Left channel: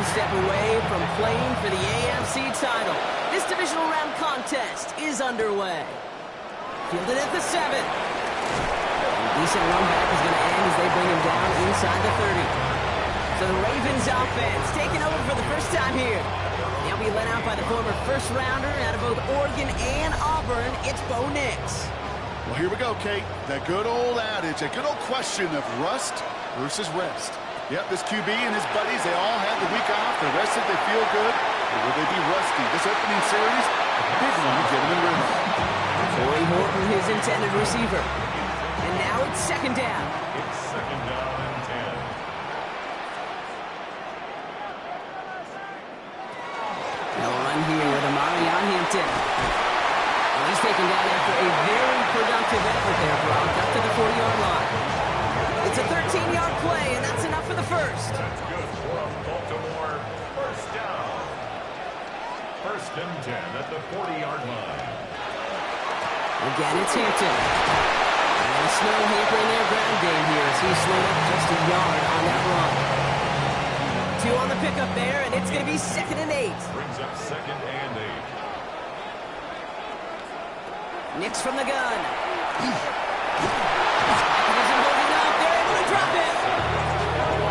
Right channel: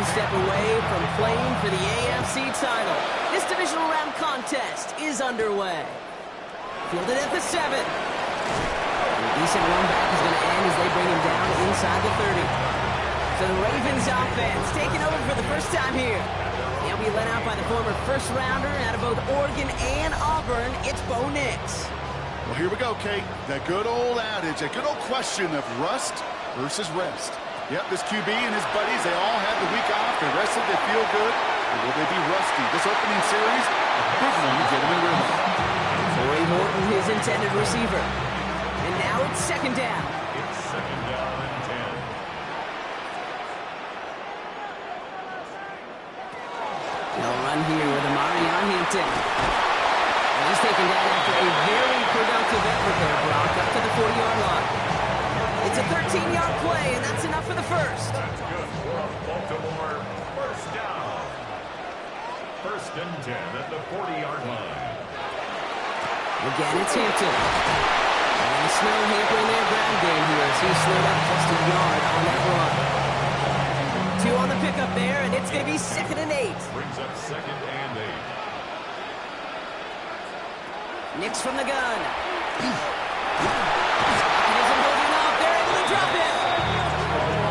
one step away from playing for the AFC title. This divisional round contest is underway. Fielded at the 7. A decent run back is going to end as they bring him down inside the 30. So the Ravens offense taking over for the first time here. They'll be led out by the former first-rounder out of both Oregon and Auburn. It's Bo Nix. Well, here we go, Kate. That good old adage, that good old question of rust versus rest. Yep, this QB and his buddies, they all had the week off. They're rested, they feel good. Or will they be rusty? This opening series, a big one to get them in rhythm. Corey Horton, his intended receiver. And now it's second down. It's second down and 10. They'll run here with Amari on Hampton. And he's taken down after a very productive effort there, Brock, up to the 40-yard line. It's a 13-yard play, and that's enough for the first. That's good for a Baltimore first down. First and 10 at the 40-yard line. Again, it's Hampton. And the snow hampering their ground game here as he slowed up just a yard on that run. 2 on the pickup there, and it's going to be second and 8. Brings up second and 8. Nix from the gun. Isn't holding up. They're able to drop it.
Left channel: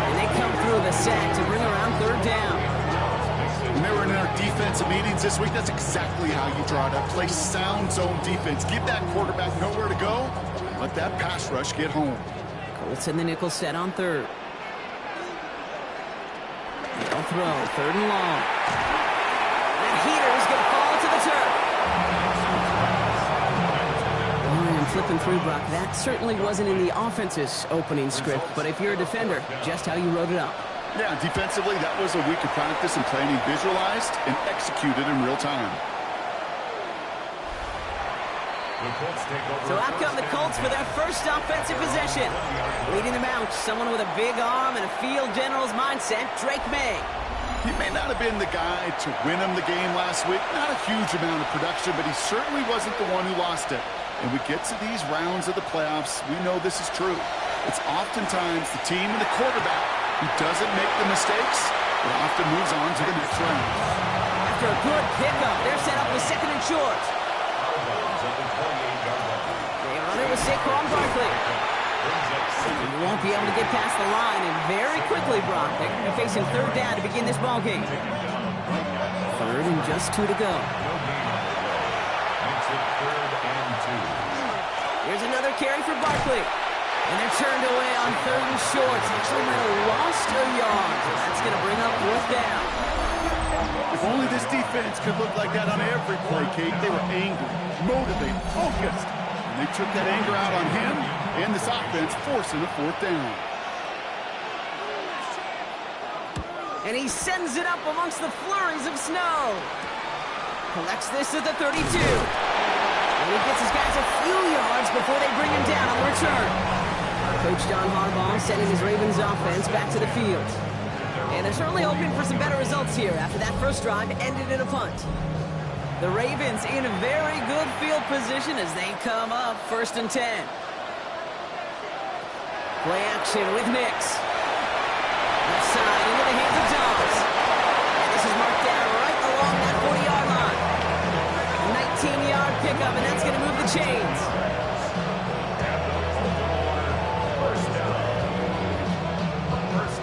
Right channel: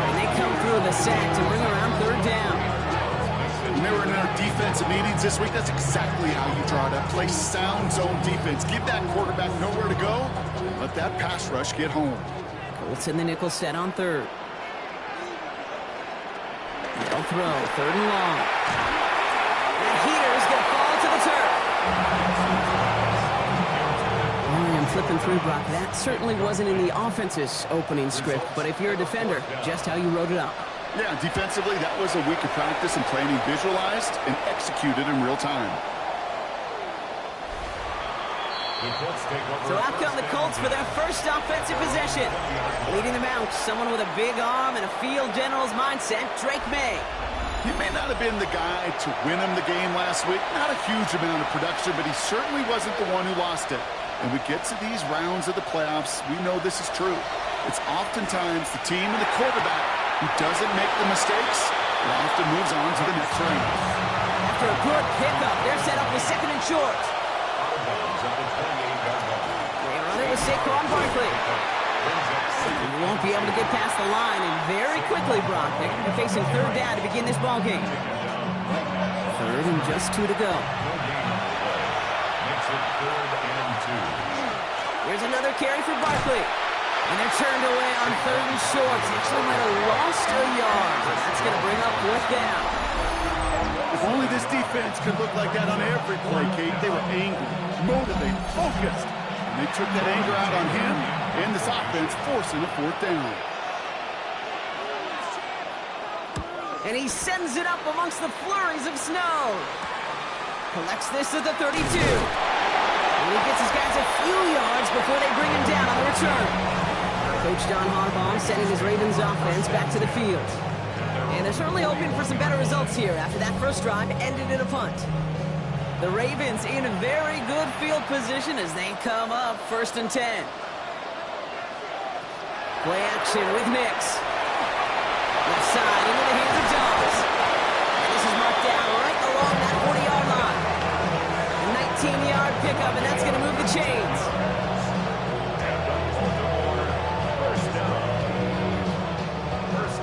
And they come through the sack to bring around third down. When they were in our defensive meetings this week, that's exactly how you draw it up. Play sound zone defense. Give that quarterback nowhere to go. Let that pass rush get home. Colts in the nickel set on third. They'll throw. Third and long. That heater is going to fall to the turf. I'm flipping through, Brock. That certainly wasn't in the offense's opening script, but if you're a defender, just how you wrote it up. Yeah, defensively, that was a week of practice and planning visualized and executed in real time. So out come the Colts for their first offensive possession. Leading them out, someone with a big arm and a field general's mindset, Drake May. He may not have been the guy to win him the game last week. Not a huge amount of production, but he certainly wasn't the one who lost it. And we get to these rounds of the playoffs, we know this is true. It's oftentimes the team and the quarterback who doesn't make the mistakes but often moves on to the next round. After a good pickup, they're set up with second and short. They run it with Saquon Barkley. And you won't be able to get past the line, and very quickly, Brock, they're going to be facing third down to begin this ballgame. Third and just 2 to go. Here's another carry for Barkley. And they're turned away on third and short. Actually might have lost a yard. So that's going to bring up fourth down. If only this defense could look like that on every play, Kate. They were angry, motivated, focused. And they took that anger out on him and this offense, forcing a fourth down. And he sends it up amongst the flurries of snow. Collects this at the 32. And he gets his guys a few yards before they bring him down on the return. Coach John Harbaugh sending his Ravens offense back to the field. And they're certainly hoping for some better results here after that first drive ended in a punt. The Ravens in a very good field position as they come up first and 10. Play action with Nix. Left side into the hands of Jones. And this is marked down right along that 40-yard line. A 19-yard pickup, and that's going to move the chains.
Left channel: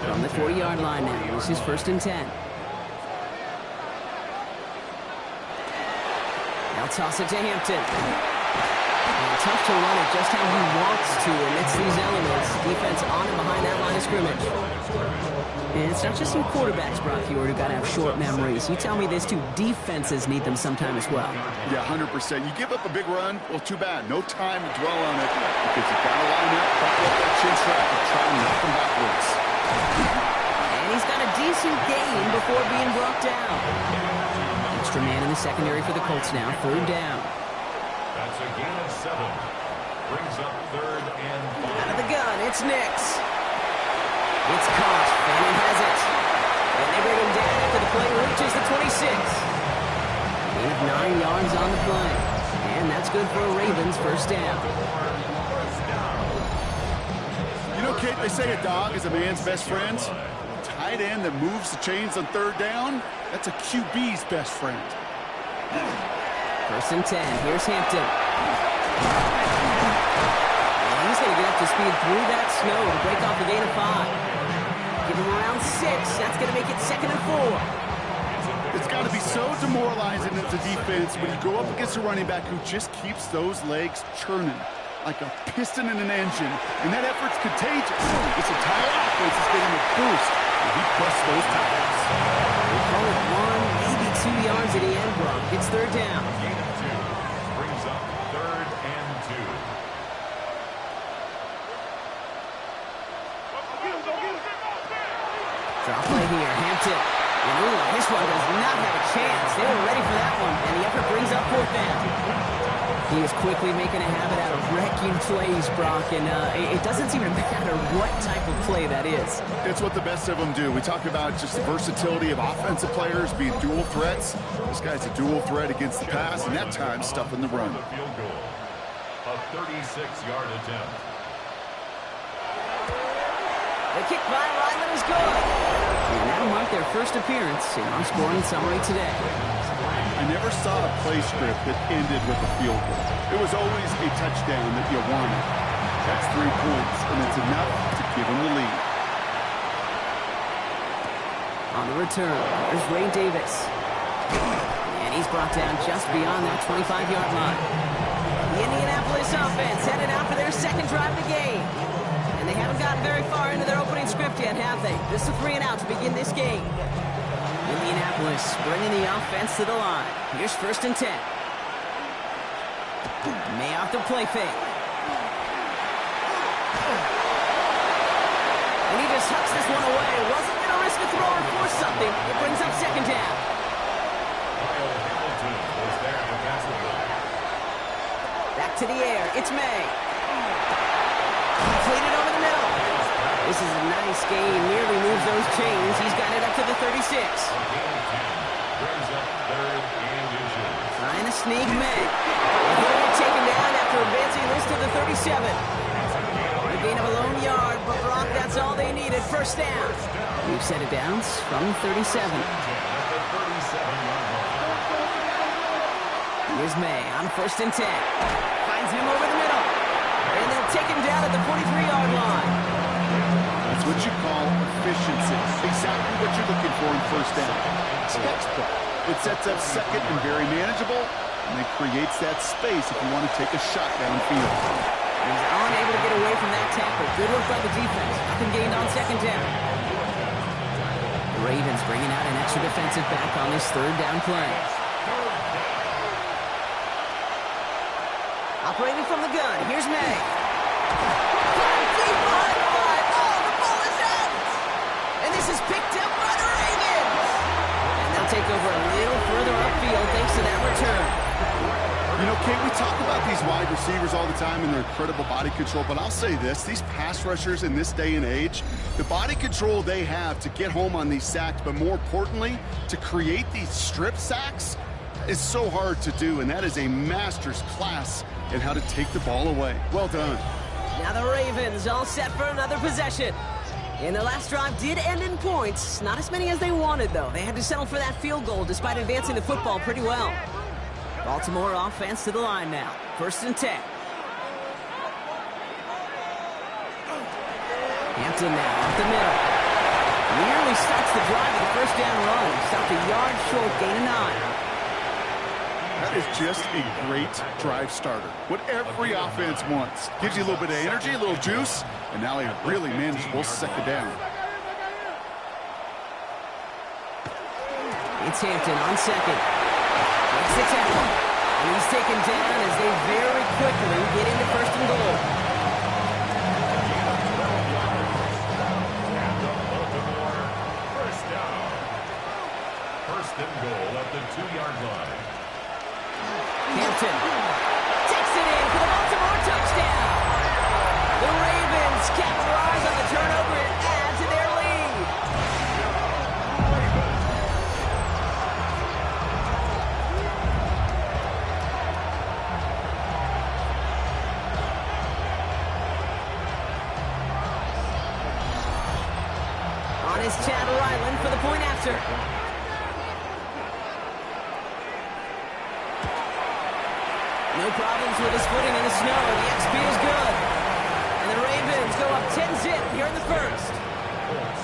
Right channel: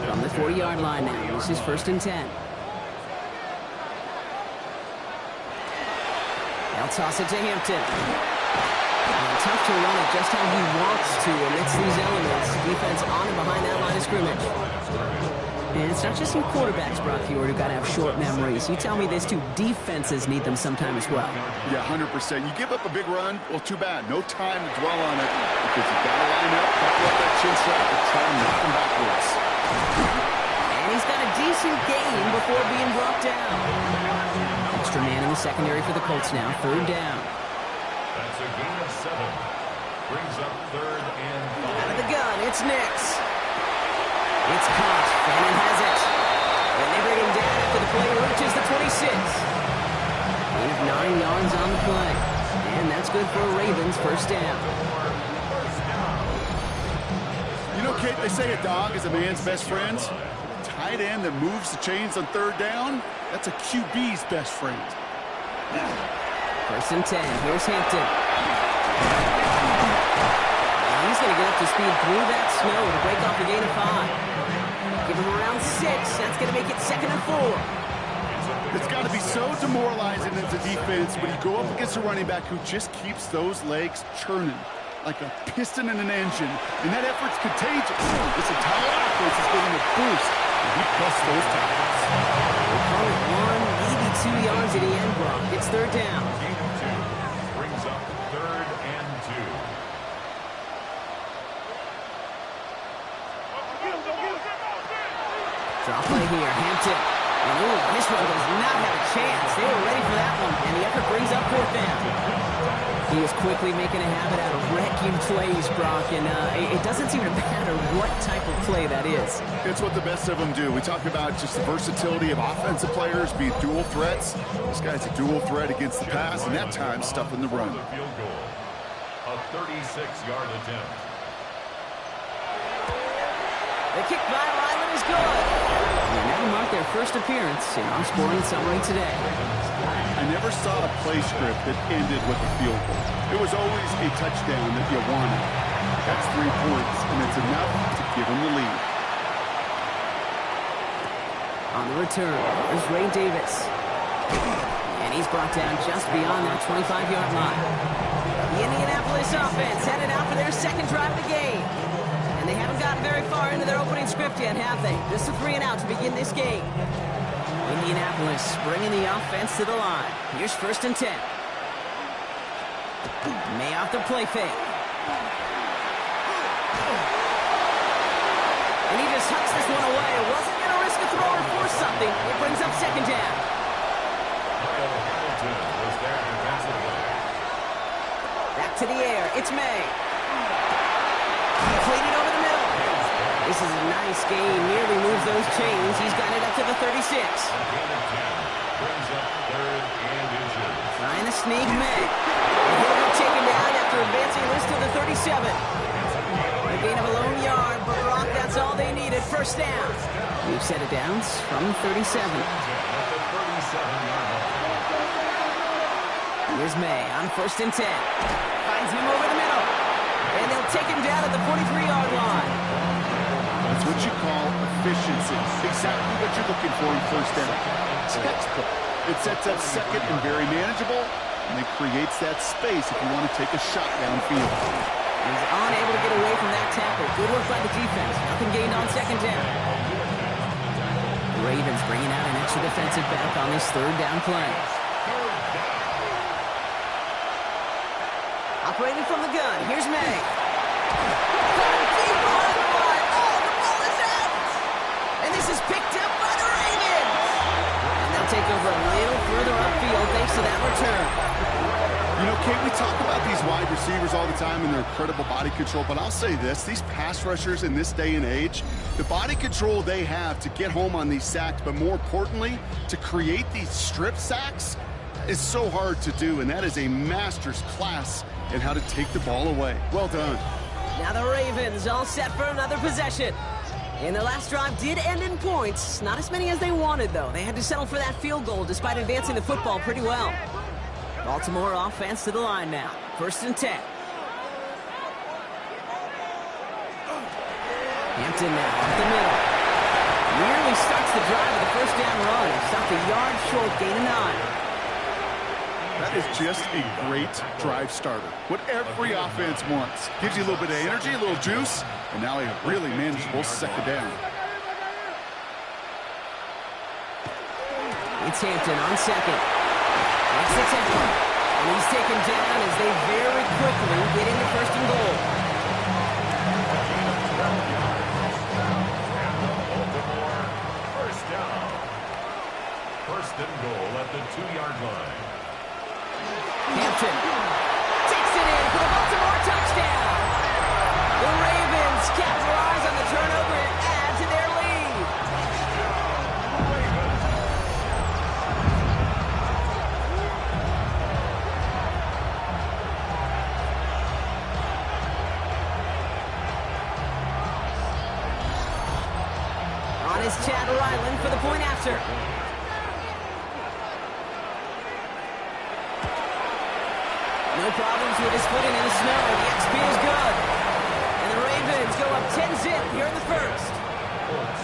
From the 40-yard line now, this is first and 10. They'll toss it to Hampton. And tough to run it just how he wants to amidst these elements. Defense on and behind that line of scrimmage. And it's not just some quarterbacks, Brock Fjord, who got to have short memories. You tell me this too, defenses need them sometime as well. Yeah, 100%. You give up a big run, well, too bad. No time to dwell on it because you've got to line up, buckle up that chin strap, and try to knock them backwards. And he's got a decent gain before being brought down. Extra man in the secondary for the Colts now, third down. That's a gain of 7. Brings up third and 5. Out of the gun, it's Nix. It's caught. Fannin has it. And they bring him down after the play reaches the 26. Gain of 9 yards on the play. And that's good for a Ravens first down. You know, Kate, they say a dog is a man's best friend. tight end that moves the chains on third down, that's a QB's best friend. 1st and 10. Here's Hampton. And he's going to get up to speed through that snow to break off a gain of 5. Give him around 6. That's going to make it 2nd and 4. It's got to be so demoralizing as a defense when you go up against a running back who just keeps those legs churning like a piston in an engine, and that effort's contagious. This entire offense is getting a boost, and he busts those tackles. We'll call it 1, maybe 2 yards at the end, Brock. It's 3rd down. Gain of 2 brings up 3rd and 2. Draw play here. Hampton. And ooh, this one does not have a chance. They were ready for that one, and the effort brings up 4th down. He is quickly making a habit out of wrecking plays, Brock, and it doesn't seem to matter what type of play that is. It's what the best of them do. We talk about just the versatility of offensive players being dual threats. This guy's a dual threat against the pass, and that time stuffing the run. Field goal. A 36-yard attempt. The kick by Ryland is good. And that'll mark their first appearance in our scoring summary today. I never saw a play script that ended with a field goal. It was always a touchdown that you wanted. That's 3 points, and it's enough to give them the lead. On the return, there's Ray Davis. And he's brought down just beyond that 25-yard line. The Indianapolis offense headed out for their 2nd drive of the game. And they haven't gotten very far into their opening script yet, have they? Just a 3-and-out to begin this game. Indianapolis bringing the offense to the line. Here's 1st and 10. May off the play fake. And he just hucks this one away. Wasn't going to risk a throw or force something. It brings up 2nd down. Kyle Hamilton was there defensively. Back to the air. It's May. Completed over the middle. This is a nice gain. Nearly moves those chains. He's got it up to the 36. A gain of 10 brings up 3rd and inches. Trying to sneak May. And he'll get taken down after advancing this to the 37. A gain of a lone yard, but Brock, that's all they needed. 1st down. We've set it down from 37. At the 37-yard line. Here's May on 1st and 10. Finds him over the middle. And they'll take him down at the 43-yard line. That's what you call efficiency. Exactly what you're looking for in 1st down. Textbook. It sets up 2nd and very manageable, and it creates that space if you want to take a shot downfield. He's unable to get away from that tackle. Good work by the defense. Nothing gained on 2nd down. The Ravens bringing out an extra defensive back on this 3rd down play. Operating from the gun. Here's May. Caught deep behind the line. Oh, the ball is out. And this is picked up by the Ravens. And they'll take over a little further upfield thanks to that return. You know, Kate, we talk about these wide receivers all the time and their incredible body control, but I'll say this, these pass rushers in this day and age, the body control they have to get home on these sacks, but more importantly, to create these strip sacks is so hard to do, and that is a master's class in how to take the ball away. Well done. Now the Ravens all set for another possession. And the last drive did end in points. Not as many as they wanted, though. They had to settle for that field goal despite advancing the football pretty well. Baltimore offense to the line now. 1st and 10. Hampton now up the middle. Nearly starts the drive with the 1st down run. Stopped a yard short, gain of 9. That is just a great drive starter. What every offense wants. Gives you a little bit of energy, a little juice, and now a really manageable 2nd down. It's Hampton on 2nd. Makes the tackle. And he's taken down as they very quickly get into 1st and goal. A gain of 12 yards. And the Baltimore 1st down. 1st and goal at the 2-yard line. Hampton takes it in for the Baltimore touchdown. The Ravens capitalize on the turnover and add to their lead. On is Chad Ryland for the point after. No problems with his footing in the snow. The XP is good. And the Ravens go up 10-zip here in the first.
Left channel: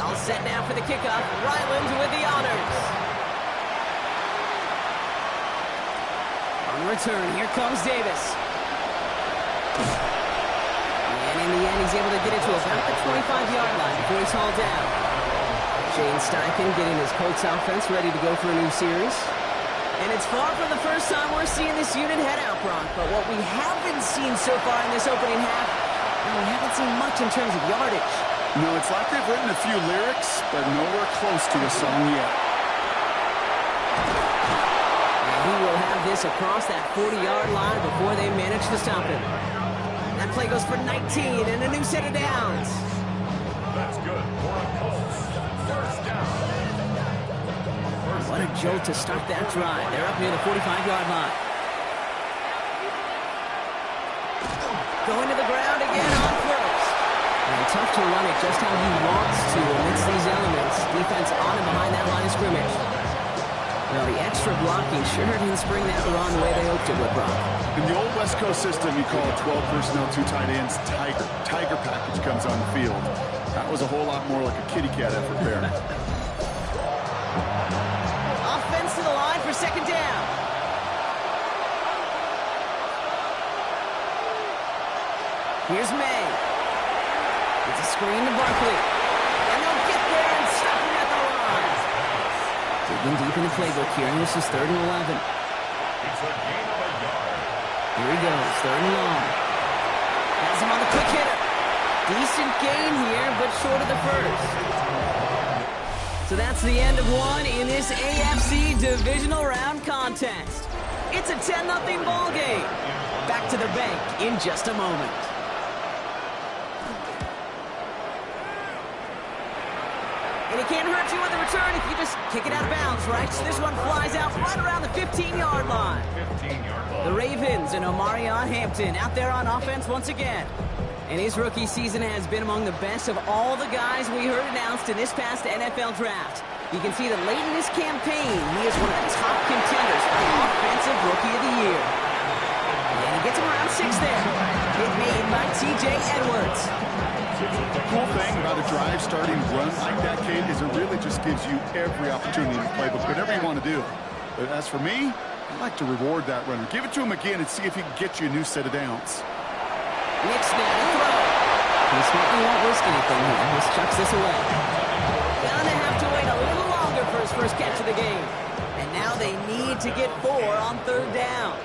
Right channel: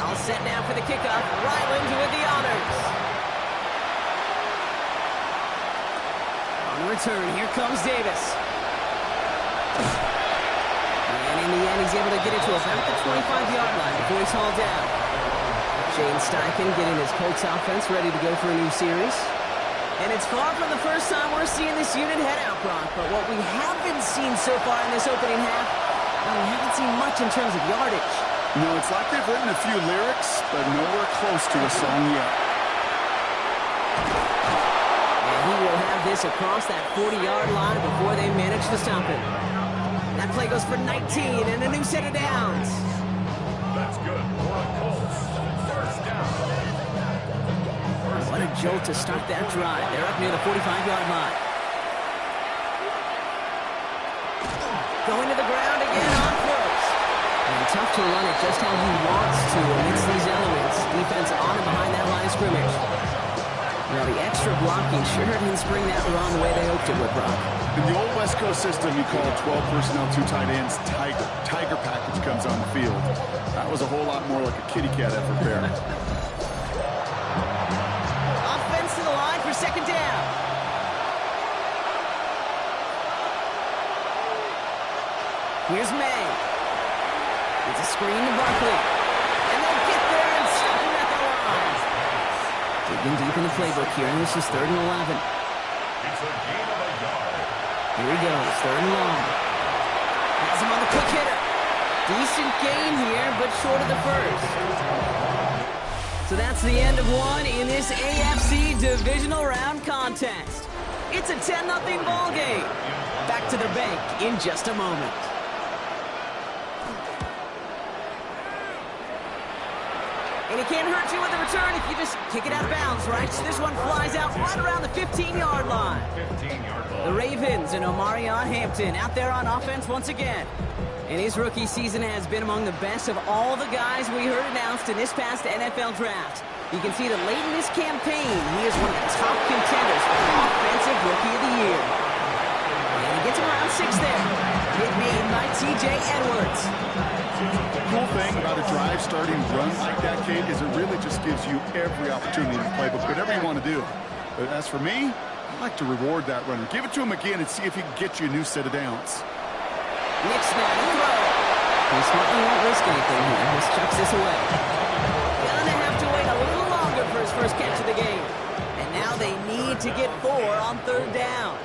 All set now for the kickoff. Ryland with the honors. On the return, here comes Davis. And in the end, he's able to get it to about the 25-yard line before he's hauled down. Shane Steichen getting his Colts offense ready to go for a new series. And it's far from the first time we're seeing this unit head out, Brock. But what we haven't seen so far in this opening half, no, we haven't seen much in terms of yardage. No, it's like they've written a few lyrics, but nowhere close to a song yet. And he will have this across that 40-yard line before they manage to stop him. That play goes for 19 and a new set of downs. That's good for a Colts. First down. What a jolt to start that drive. They're up near the 45-yard line. Going to the ground again on first. And tough to run it just how he wants to amidst these elements. Defense on and behind that line of scrimmage. Well, the extra blocking sure didn't spring that run the way they hoped it would, Brock. In the old West Coast system, you call 12 personnel, 2 tight ends, Tiger. Tiger package comes on the field. That was a whole lot more like a kitty cat effort there. Offense to the line for second down. Here's May. It's a screen to Barkley. And they'll get there and stop him at the line. Digging deep in the playbook here, and this is 3rd and 11. It's a gain of a yard. Here he goes, 3rd and long. Has him on the quick hitter. Decent gain here, but short of the first. So that's the end of one in this AFC Divisional Round contest. It's a 10-0 ball game. Back to the bank in just a moment. And it can't hurt you with a return if you just kick it out of bounds, right? So this one flies out right around the 15-yard line. 15-yard line. The Ravens and Omarion Hampton out there on offense once again. And his rookie season has been among the best of all the guys we heard announced in this past NFL draft. You can see that late in this campaign, he is one of the top contenders for Offensive Rookie of the Year. And he gets him around 6 there. Hit made by T.J. Edwards. The cool thing about a drive starting run like that, Kate, is it really just gives you every opportunity in the playbook, whatever you want to do. But as for me, I like to reward that runner. Give it to him again and see if he can get you a new set of downs. Nick snap to throw. He smartly won't risk anything here. Just chucks this away. Gonna have to wait a little longer for his first catch of the game. And now they need to get 4 on 3rd down.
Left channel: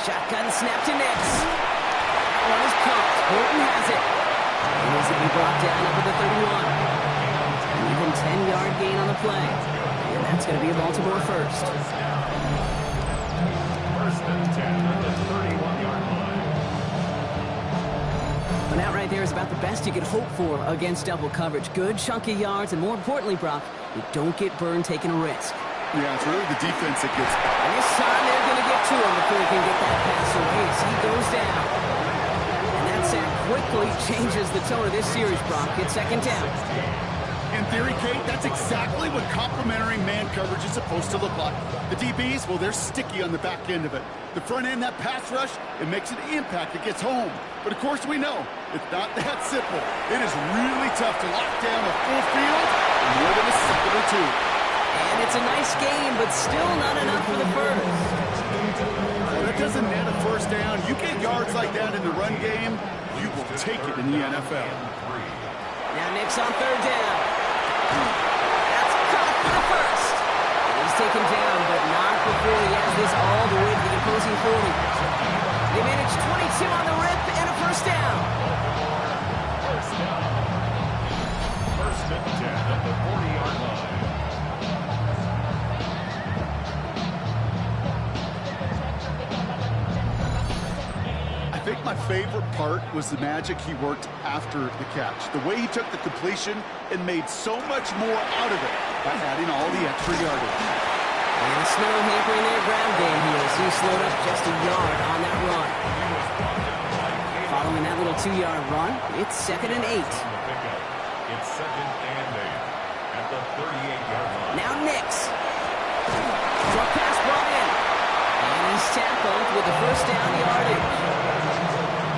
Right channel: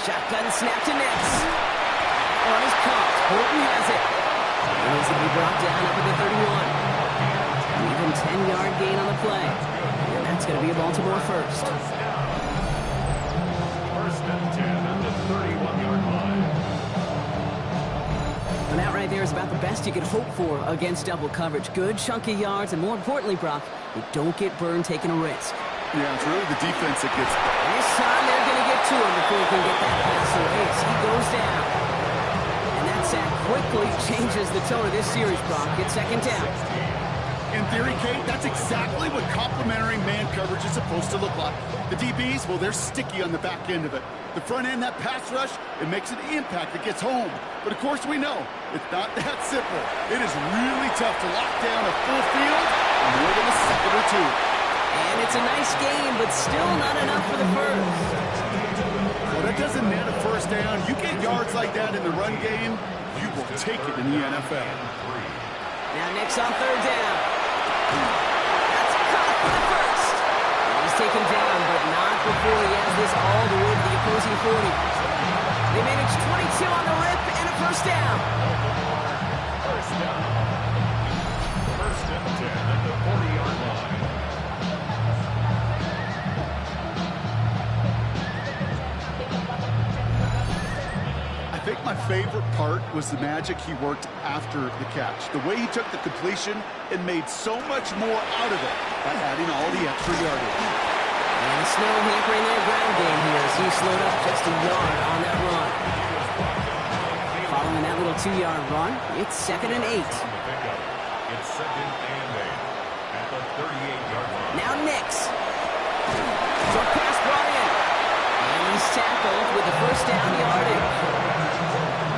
Shotgun snap to Nix. That one is caught. Horton has it. He needs to be brought down up at the 31. An even 10-yard gain on the play. And that's going to be a Baltimore first. First and 10 at the 31-yard line. And that right there is about the best you could hope for against double coverage. Good chunky yards, and more importantly, Brock, you don't get burned taking a risk. Yeah, it's really the defense that gets... And this time they're going to get to him before he can get that pass away as he goes down. And that sack quickly changes the tone of this series, Brock. It's second down. In theory, Kate, that's exactly what complementary man coverage is supposed to look like. The DBs, well, they're sticky on the back end of it. The front end, that pass rush, it makes an impact that gets home. But of course we know, it's not that simple. It is really tough to lock down a full field in more than a second or two. And it's a nice game, but still not enough for the first. Well, that doesn't net a first down. You get yards like that in the run game, you will take it in the NFL. Now Nick's on 3rd down. That's caught for the first. And he's taken down, but not before he has this all the way to the opposing 40. They manage 22 on the rip and a first down. First down. First and 10 at the 40-yard line. I think my favorite part was the magic he worked after the catch. The way he took the completion and made so much more out of it by adding all the extra yardage. And the snow hampering their ground game here as he slowed up just a yard on that run. Following that little 2-yard run, it's 2nd and 8. It's 2nd and 8 at the 38-yard line. Now Nix. Short pass brought in. And he's tackled with the first down yardage.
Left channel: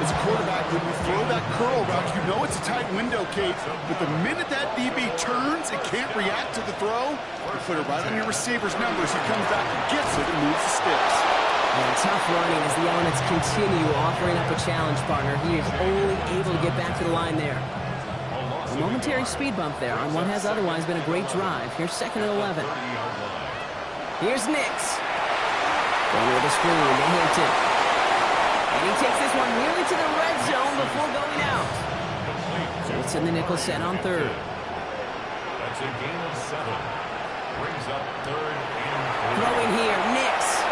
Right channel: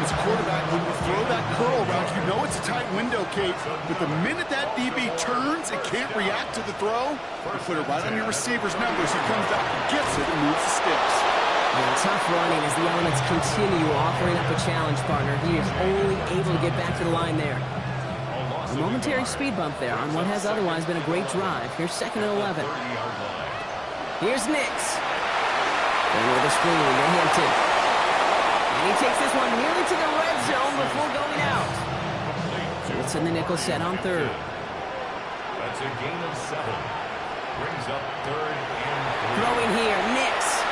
As a quarterback, when you throw that curl route, you know it's a tight window, Kate. But the minute that DB turns and can't react to the throw, you put it right on your receiver's numbers. He comes back and gets it and moves the sticks. And tough running as the elements continue offering up a challenge partner. He is only able to get back to the line there. A momentary speed bump there on what has otherwise been a great drive. Here's 2nd and 11. Here's Nix. Going with a screen to Hampton. And he takes this one nearly to the red zone before going out. Colts in the nickel set on 3rd. That's a gain of 7. Brings up 3rd and 3. Throwing here, Nix.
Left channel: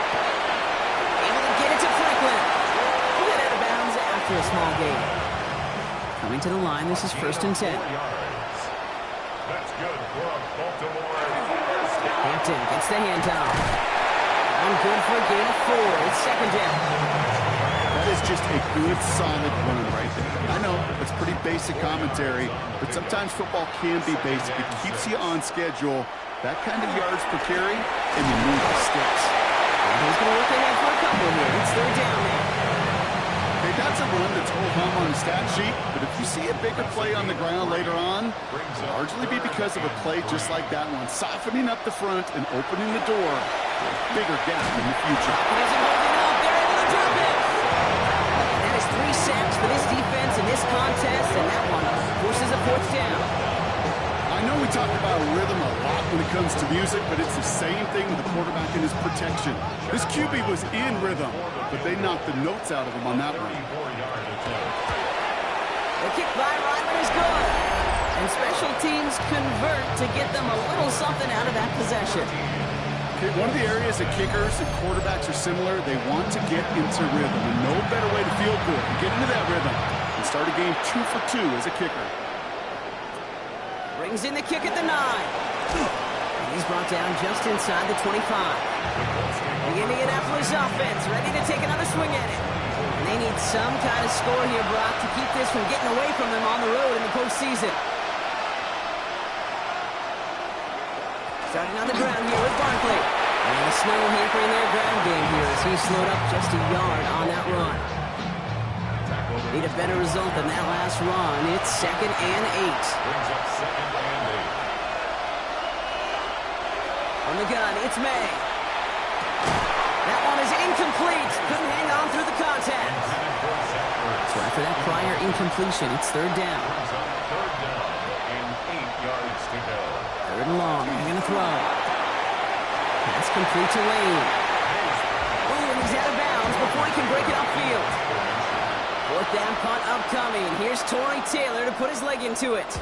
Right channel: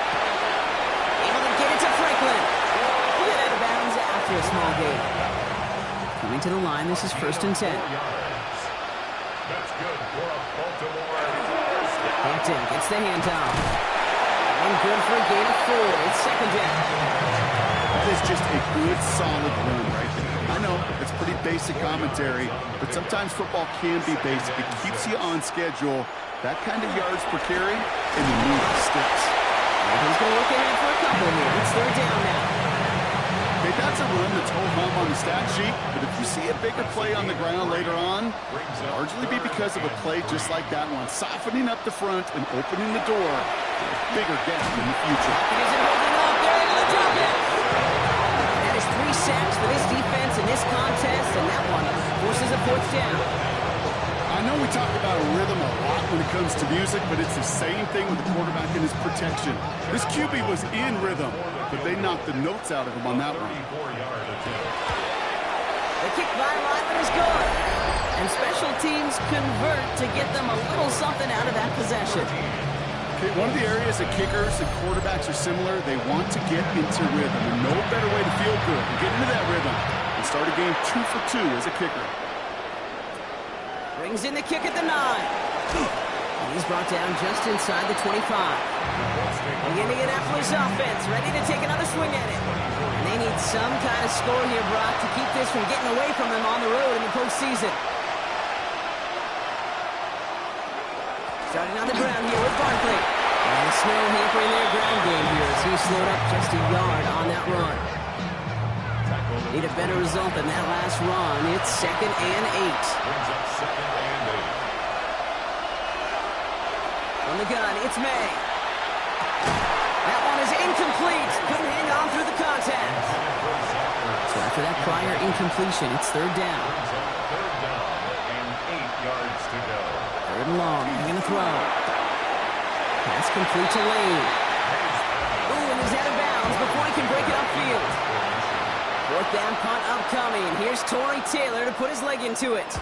Able to get it to Franklin. A bit out of bounds after a small gain. Coming to the line, this is 1st and 10. That's good for a Baltimore. Hampton gets the handoff. One good for a gain of 4. It's 2nd down. That is just a good, solid run right there. I know, it's pretty basic commentary, but sometimes football can be basic. It keeps you on schedule. That kind of yards per carry, and you move the sticks. And he's going to look ahead for a couple here. It's 3rd down now. Okay, that's a run that's ho-hum on the stat sheet, but if you see a bigger play on the ground later on, it'll largely be because of a play just like that one, softening up the front and opening the door for a bigger gap in the future. It isn't holding up. They're able to drop it. And that is 3 sacks for this defense in this contest, and that one forces a 4th down. I know we talk about rhythm a lot when it comes to music, but it's the same thing with the quarterback and his protection. This QB was in rhythm, but they knocked the notes out of him on that one. The kick by Ryland is good. And special teams convert to get them a little something out of that possession. Okay, one of the areas that kickers and quarterbacks are similar, they want to get into rhythm. And no better way to feel good and get into that rhythm and start a game 2 for 2 as a kicker. Brings in the kick at the 9. And he's brought down just inside the 25. The Indianapolis offense ready to take another swing at it. And they need some kind of score here, Brock, to keep this from getting away from them on the road in the postseason. Starting on the ground here with Barkley. And the snow hampering their ground game here as he slowed up just a yard on that run. Need a better result than that last run. It's 2nd and 8. Brings up 2nd and 8. From the gun, it's May. That one is incomplete. Couldn't hang on through the contact. So after that prior incompletion, it's 3rd down. Brings up 3rd down and 8 yards to go. 3rd and long. He's going to throw. Pass complete to Lane. Ooh, and he's out of bounds before he can break it upfield. 4th down punt upcoming. Here's Torrey Taylor to put his leg into it.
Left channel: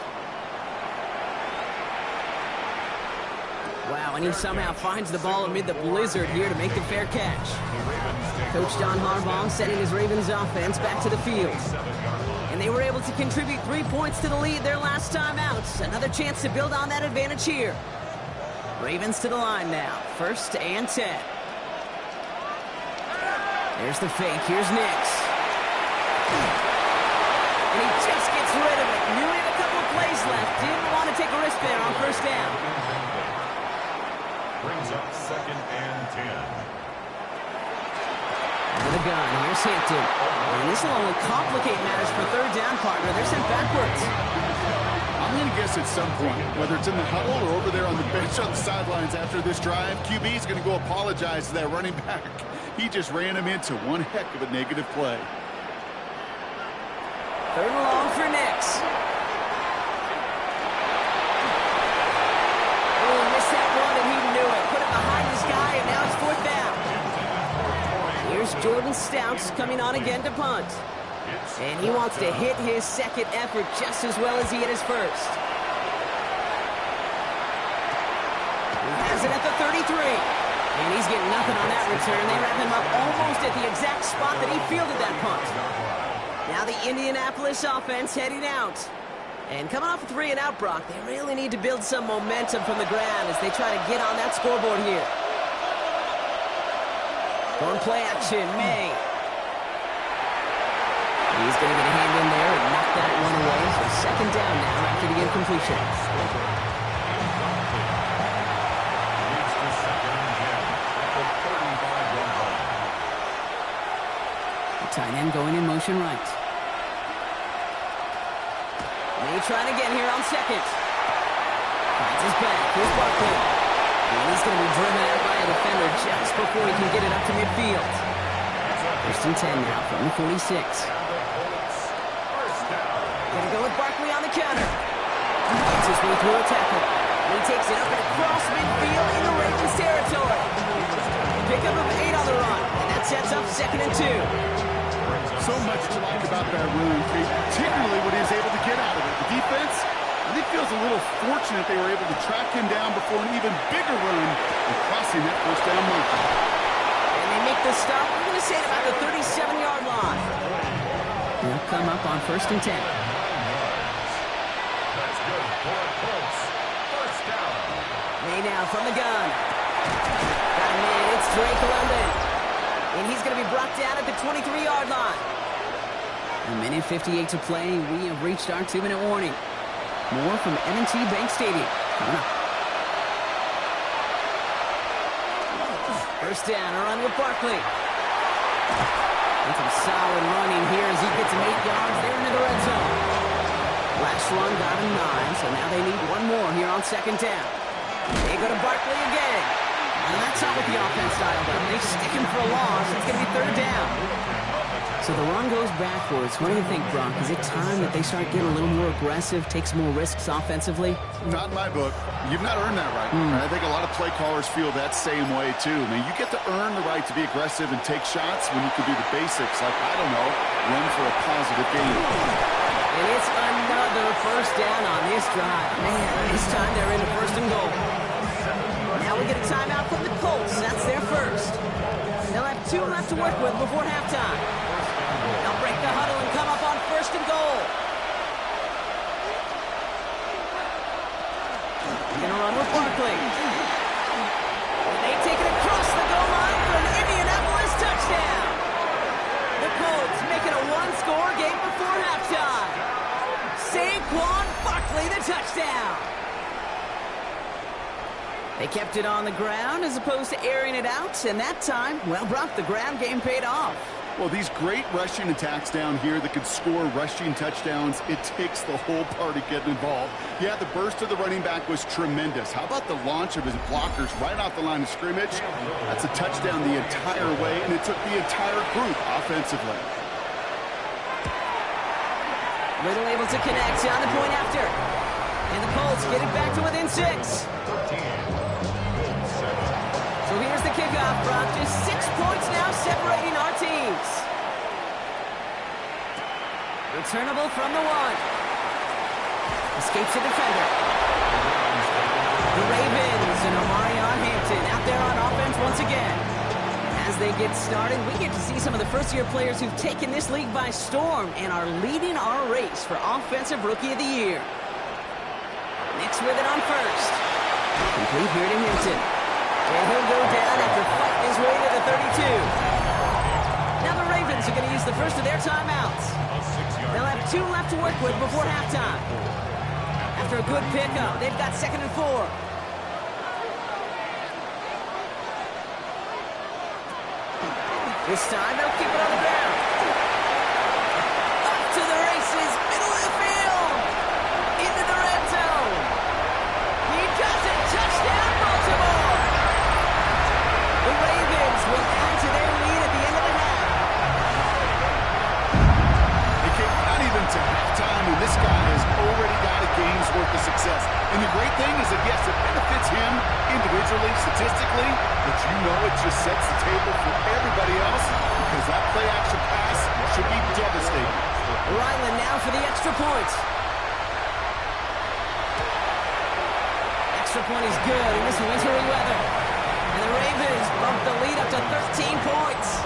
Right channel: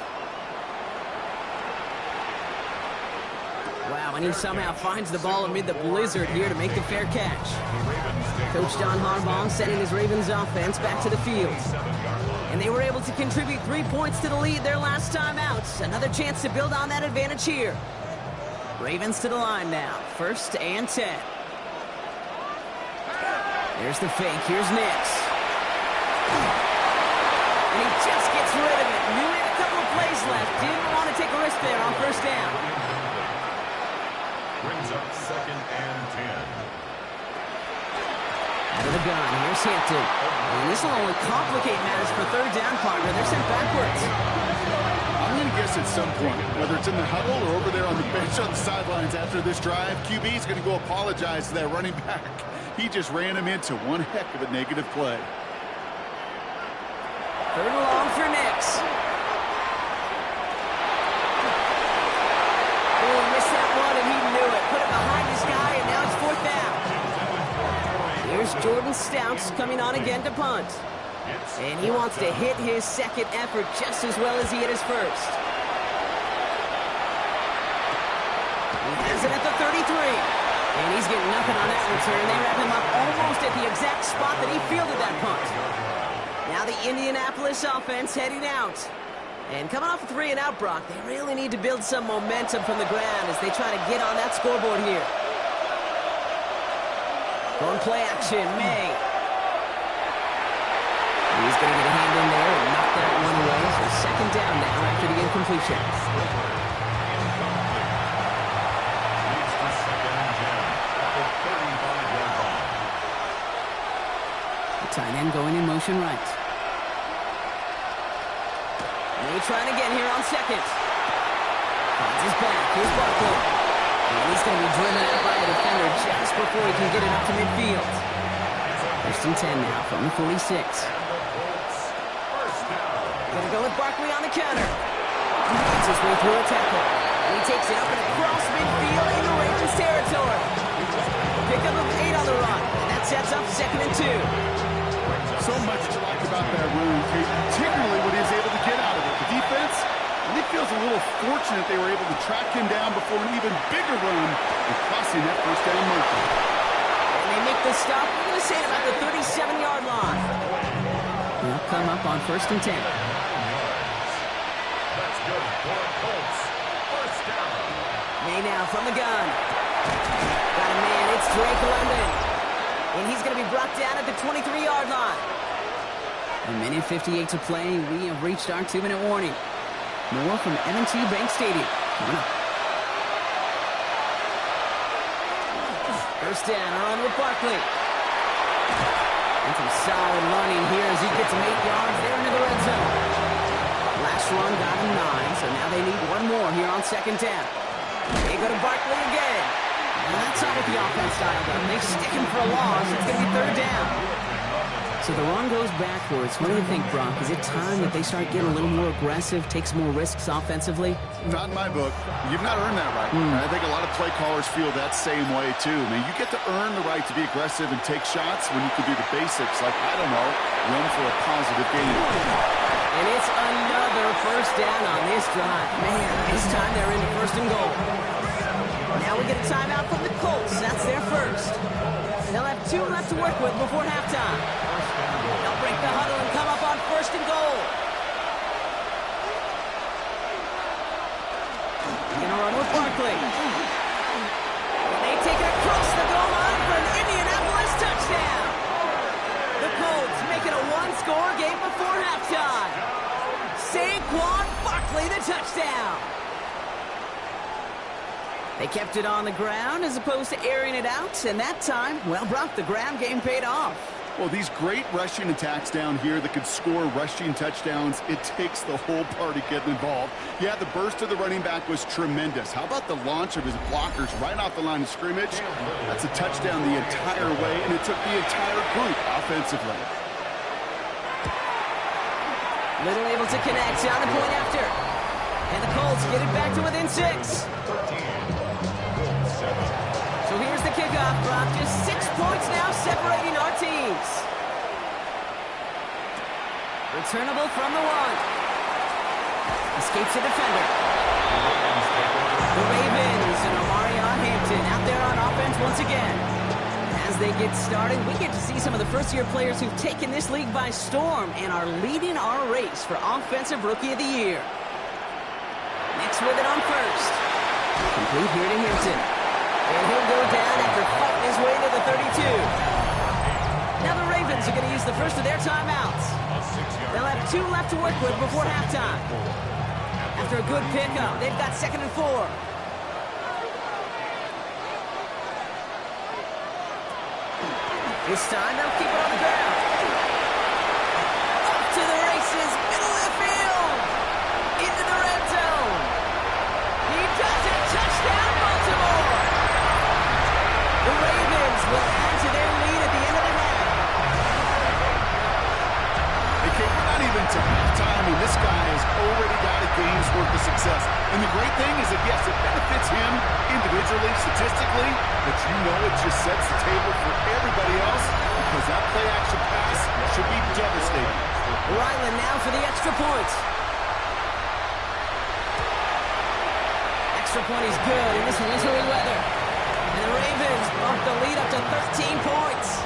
Wow, and he somehow finds the ball amid the blizzard here to make the fair catch. Coach John Harbaugh sending his Ravens offense back to the field. And they were able to contribute 3 points to the lead their last time out. Another chance to build on that advantage here. Ravens to the line now. 1st and 10. There's the fake. Here's Nix. And he just gets rid of it. Knew he had a couple of plays left. Didn't want to take a risk there on 1st down. Brings up 2nd and 10. Out of the gun, here's Hampton. And this will only complicate matters for 3rd down, partner. They're sent backwards. I'm going to guess at some point, whether it's in the huddle or over there on the bench on the sidelines after this drive, QB is going to go apologize to that running back. He just ran him into one heck of a negative play. 3rd and long for Nix. Oh, missed that one, and he knew it. Put it behind his guy, and now it's 4th down. Here's Jordan Stouts coming on again to punt. And he wants to hit his 2nd effort just as well as he hit his 1st. He has it at the 33. And he's getting nothing on that return. They wrap him up almost at the exact spot that he fielded that punt. Now the Indianapolis offense heading out. And coming off a 3 and out, Brock, they really need to build some momentum from the ground as they try to get on that scoreboard here. Going play action, May. He's going to get a hand in there and knock that one away. So second down now after the incompletion. Incomplete. Leads to second and 10 at the 35-yard line. The tight end going in motion right. And he's trying again here on second. Finds his back. Here's Barkley. And he's going to be driven out by a defender just before he can get it up to midfield. First and 10 now from the 46. And the Colts, first down. Going to go with Barkley on the counter. He gets his way through a tackle. And he takes it up and across midfield into Ravens territory. Pickup of 8 on the run. And that sets up second and 2. So much to like about that run, Kate, particularly what he was able to get out of it. The defense, I think, feels a little fortunate they were able to track him down before an even bigger run and crossing that first down marker. And they make the stop, we're going to say, at about the 37-yard line. They'll come up on first and 10. 9 yards. That's good for Colts. First down. May now from the gun. Got a man, it's Drake London. And he's going to be brought down at the 23-yard line. A minute 58 to play. We have reached our 2-minute warning. More from M&T Bank Stadium coming up. First down, a run with Barkley. And some solid running here as he gets him 8 yards there into the red zone. Last run got him 9, so now they need one more here on second down. They go to Barkley again. And that's not what the offense dialed up. They stick him for a loss. It's going to be third down. So the run goes backwards. What do you think, Brock? Is it time that they start getting a little more aggressive, take some more risks offensively? Not in my book. You've not earned that right. I think a lot of play callers feel that same way, too. I mean, you get to earn the right to be aggressive and take shots when you can do the basics, like, I don't know, run for a positive gain. And it's another first down on this drive. Man, this time they're into first and goal. Now we get a timeout from the Colts. That's their first. They'll have 2 left to work with before halftime. They'll break the huddle and come up on first and goal. They're going to run with Barkley. And they take it across the goal line for an Indianapolis touchdown. The Colts make it a one-score game before halftime. Saquon Barkley, the touchdown. They kept it on the ground as opposed to airing it out, and that time, well, Brock, the ground game paid off. Well, these great rushing attacks down here that could score rushing touchdowns, it takes the whole party getting involved. Yeah, the burst of the running back was tremendous. How about the launch of his blockers right off the line of scrimmage? That's a touchdown the entire way, and it took the entire group offensively. Little able to connect on the point after. And the Colts get it back to within 6. 13. Colts 7. So here's the kickoff, Brock. Just 6 points now separating our teams. Returnable from the 1. Escapes a defender. The Ravens and Omarion Hampton out there on offense once again. As they get started, we get to see some of the first-year players who've taken this league by storm and are leading our race for Offensive Rookie of the Year. Next with it on first. Complete here to Hampton. And he'll go down after fighting his way to the 32. Now the Ravens are going to use the first of their timeouts. They'll have 2 left to work with before halftime. After a good pickup, they've got 2nd and 4. This time they'll keep it on the ground. Up to the races, middle of the field. Into the red zone. He does it. Touchdown, Baltimore. The Ravens will add to their lead at the end of the half. Okay, we're not even to halftime, and this guy has already got a game's worth of success. And the great thing is that, yes, it benefits him individually, statistically, but you know it just sets the table for everybody else because that play-action pass should be devastating. Ryland now for the extra point. Extra point is good in this wintry weather. And the Ravens bump the lead up to 13 points.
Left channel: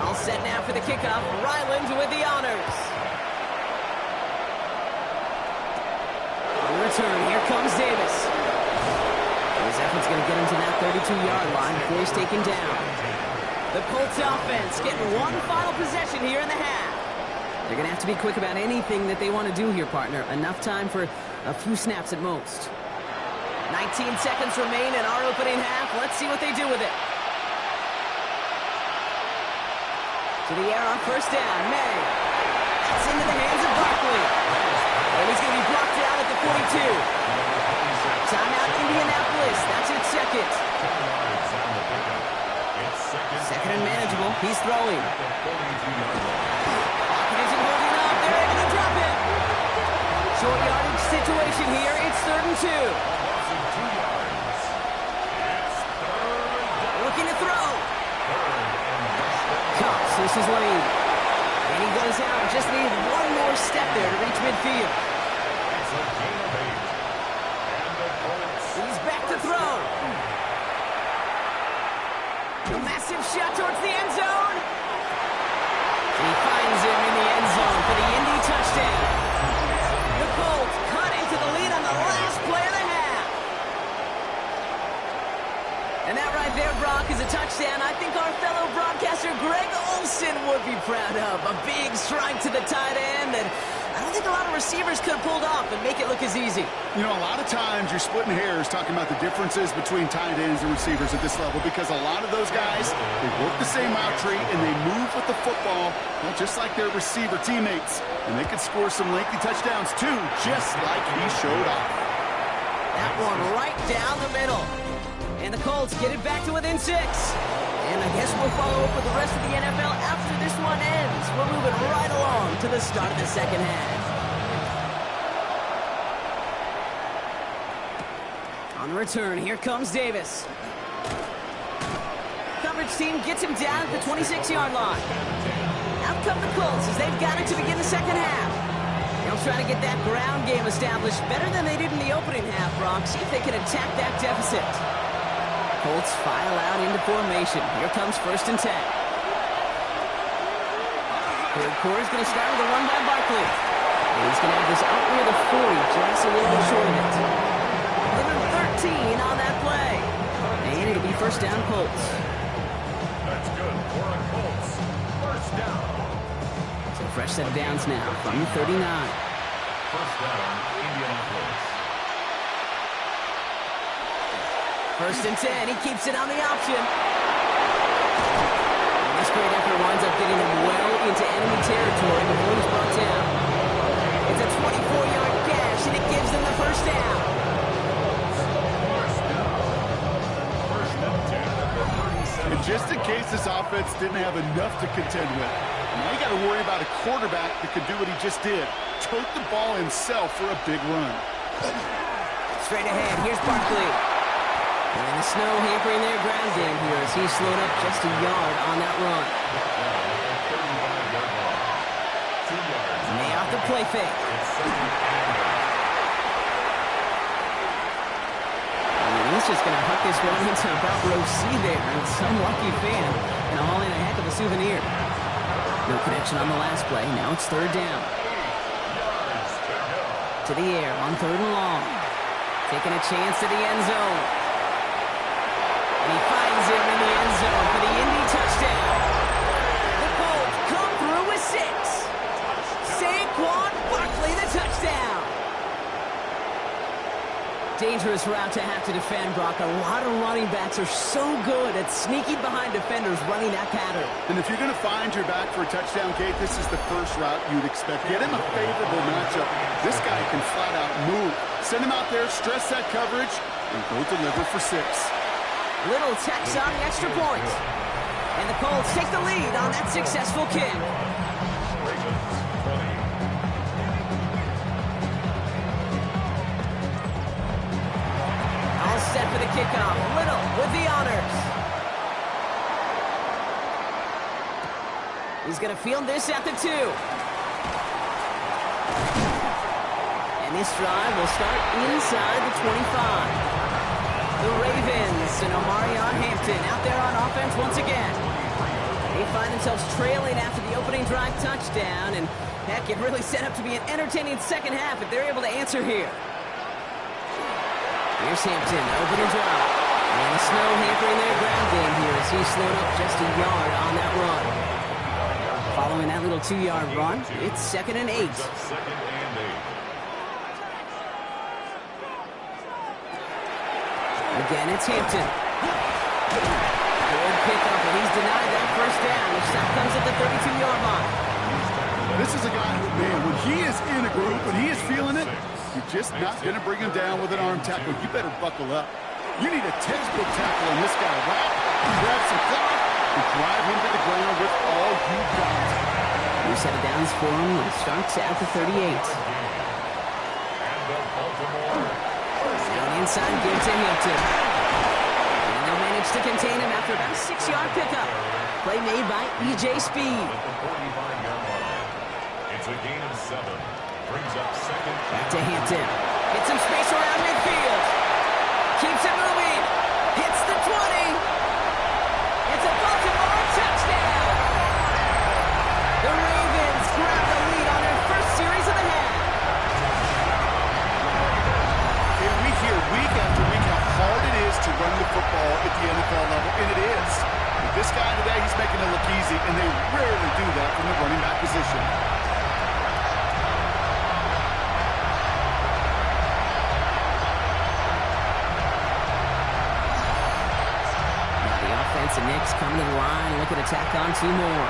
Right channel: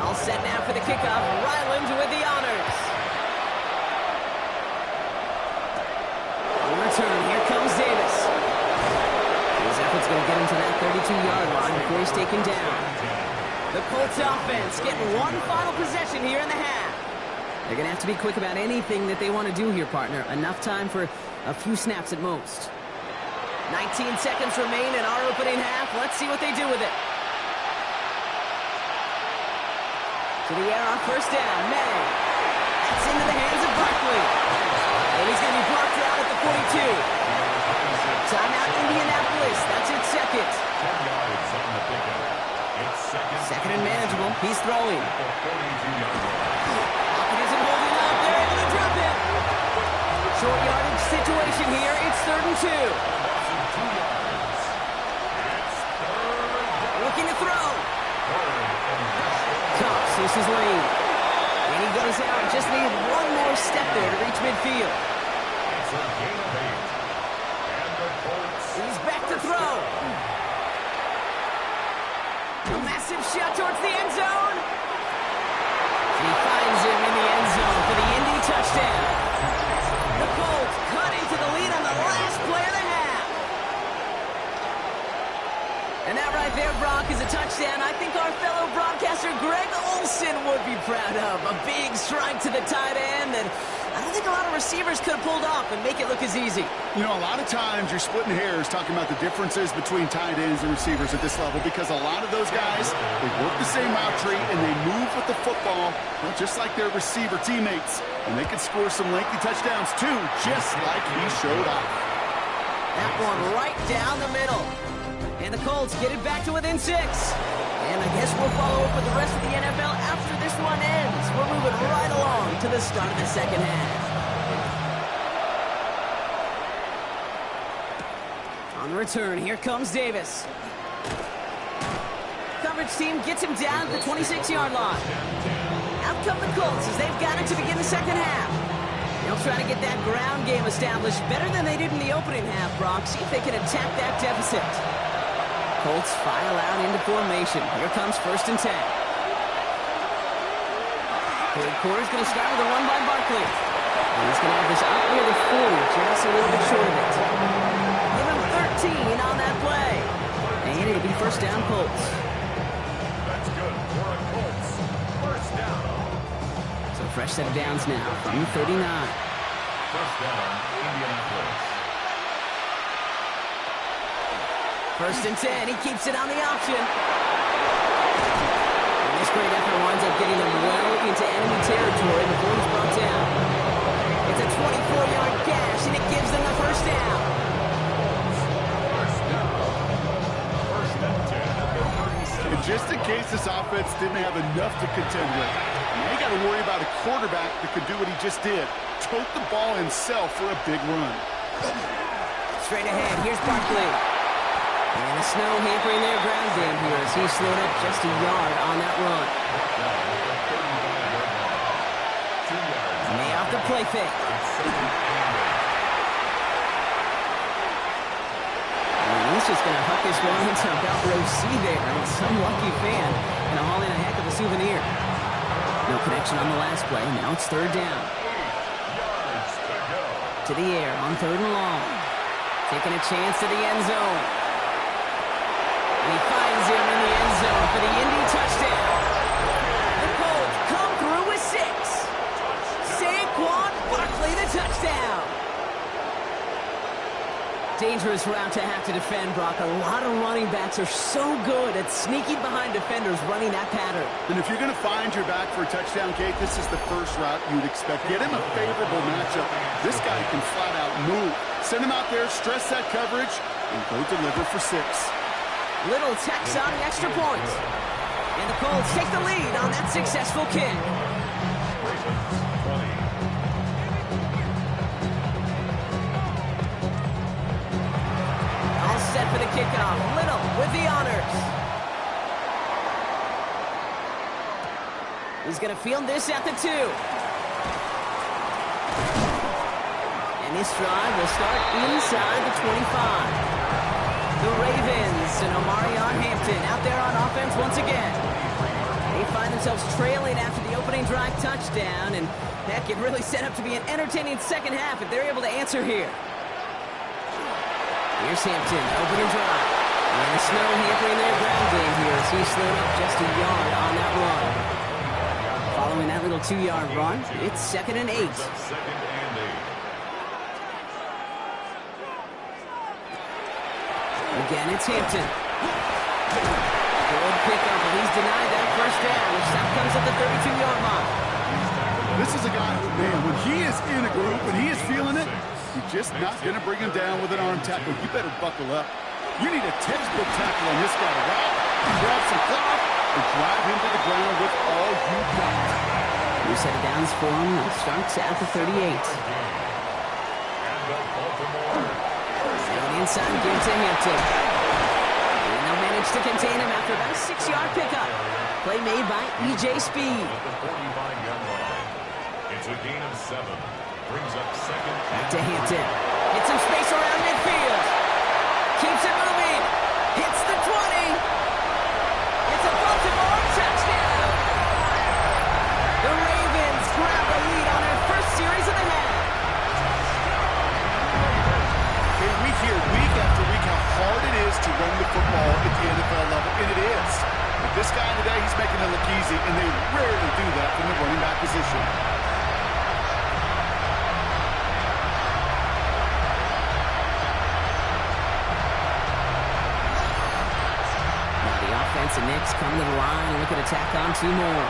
All set now for the kickoff. Ryland with the honors. On return, here comes Davis. His effort's going to get him to that 32-yard line before he's taken down. The Colts offense getting one final possession here in the half. They're going to have to be quick about anything that they want to do here, partner. Enough time for a few snaps at most. 19 seconds remain in our opening half. Let's see what they do with it. To the air on first down. May. That's into the hands of Barkley. And he's going to be blocked out at the 42. Timeout Indianapolis. That's its second. 10 yards on the pickup. It's second and manageable. He's throwing. At the 42-yard line. Lockett isn't holding up. They're able to drop it. Short yardage situation here. It's 3rd and 2. A loss of 2 yards. It's 3rd down. Looking to throw. 3rd and less than. Cox, this is Lane. And he goes out. Just need one more step there to reach midfield. It's a gain of 8. And the Colts. He's back to throw. A massive shot towards the end zone. And he finds him in the end zone for the Indy touchdown. The Colts cut into the lead on the last play of the half. And that right there, Brock, is a touchdown I think our fellow broadcaster Greg Olson would be proud of. A big strike to the tight end that I don't think a lot of receivers could have pulled off and make it look as easy. You know, a lot of times you're splitting hairs talking about the differences between tight ends and receivers at this level because a lot of those guys, they work the same route tree and they move with the football, well, just like their receiver teammates. And they can score some lengthy touchdowns too, just like he showed off. That one right down the middle. And the Colts get it back to within 6. And I guess we'll follow up with the rest of the NFL after this one ends. We're moving right along to the start of the second half. On the return, here comes Davis. Coverage team gets him down at the 26-yard line. Out come the Colts as they've got it to begin the second half. They'll try to get that ground game established better than they did in the opening half, Brock. See if they can attack that deficit. Colts file out into formation. Here comes 1st and 10. Third quarter's going to start with a run by Barkley. And he's going to have this up near the 40, just a little bit short of it. Give him 13 on that play. And it'll be first down, Colts. That's good for a Colts. First down. So fresh set of downs now from the 39. First down, Indianapolis. 1st and 10. He keeps it on the option. And this great effort winds up getting him well into enemy territory before he's brought down. It's a 24-yard gash, and it gives them the first down. First down. 1st and 10 at the 37. And just in case this offense didn't have enough to contend with, now you got to worry about a quarterback that could do what he just did. Tote the ball himself for a big run. Straight ahead, here's Barkley. And the snow hampering their ground game here as he slowed up just a yard on that run. May off the play fake. And he's just going to huck this one into about row C there. And some lucky fan going to haul in a heck of a souvenir. No connection on the last play. Now it's 3rd down. 8 yards to go. To the air on 3rd and long. Taking a chance to the end zone. And he finds him in the end zone for the Indy touchdown. The Colts come through with 6. Saquon Barkley, the touchdown. Dangerous route to have to defend, Brock. A lot of running backs are so good at sneaking behind defenders running that pattern. And if you're going to find your back for a touchdown, Kate, this is the first route you'd expect. Get him a favorable matchup. This guy can flat out move. Send him out there, stress that coverage, and go deliver for 6. Little tax on the extra point. And the Colts take the lead on that successful kick. Ravens 20. All set for the kickoff. Little with the honors. He's going to field this at the 2. And this drive will start inside the 25. The Ravens and Omarion Hampton out there on offense once again. They find themselves trailing after the opening drive touchdown, and heck, it really set up to be an entertaining second half if they're able to answer here. Here's Hampton, open and dry. And the snow hampering their ground game here as he slowed up just a yard on that run. Following that little 2-yard run, it's 2nd and 8. Second and 8. Again, it's Hampton. Good pickup, but he's denied that first down. The stop comes at the 32-yard line. This is a guy who, man, when he is in a group, when he is feeling it, you're just not going to bring him down with an arm tackle. You better buckle up. You need a textbook tackle on this guy. Wrap, grab some cloth, and drive him to the ground with all you got. New set of downs for him. It starts at the 38. And the Baltimore Now an inside give to Hampton. And they'll manage to contain him after about a 6-yard pickup. Play made by E.J. Speed. at the 45-yard line. It's a gain of 7. Brings up second. Back to Hampton. Hits some space around midfield. Keeps it moving. Hits the 20. It's a Baltimore touchdown. The Ravens grab the lead on their first series of the half. Okay, we hear week after week how hard it is to run the football at the NFL level, and it is. But this guy today, he's making it look easy, and they rarely do that from the running back position. And Knicks coming to the line and looking to tack on 2 more.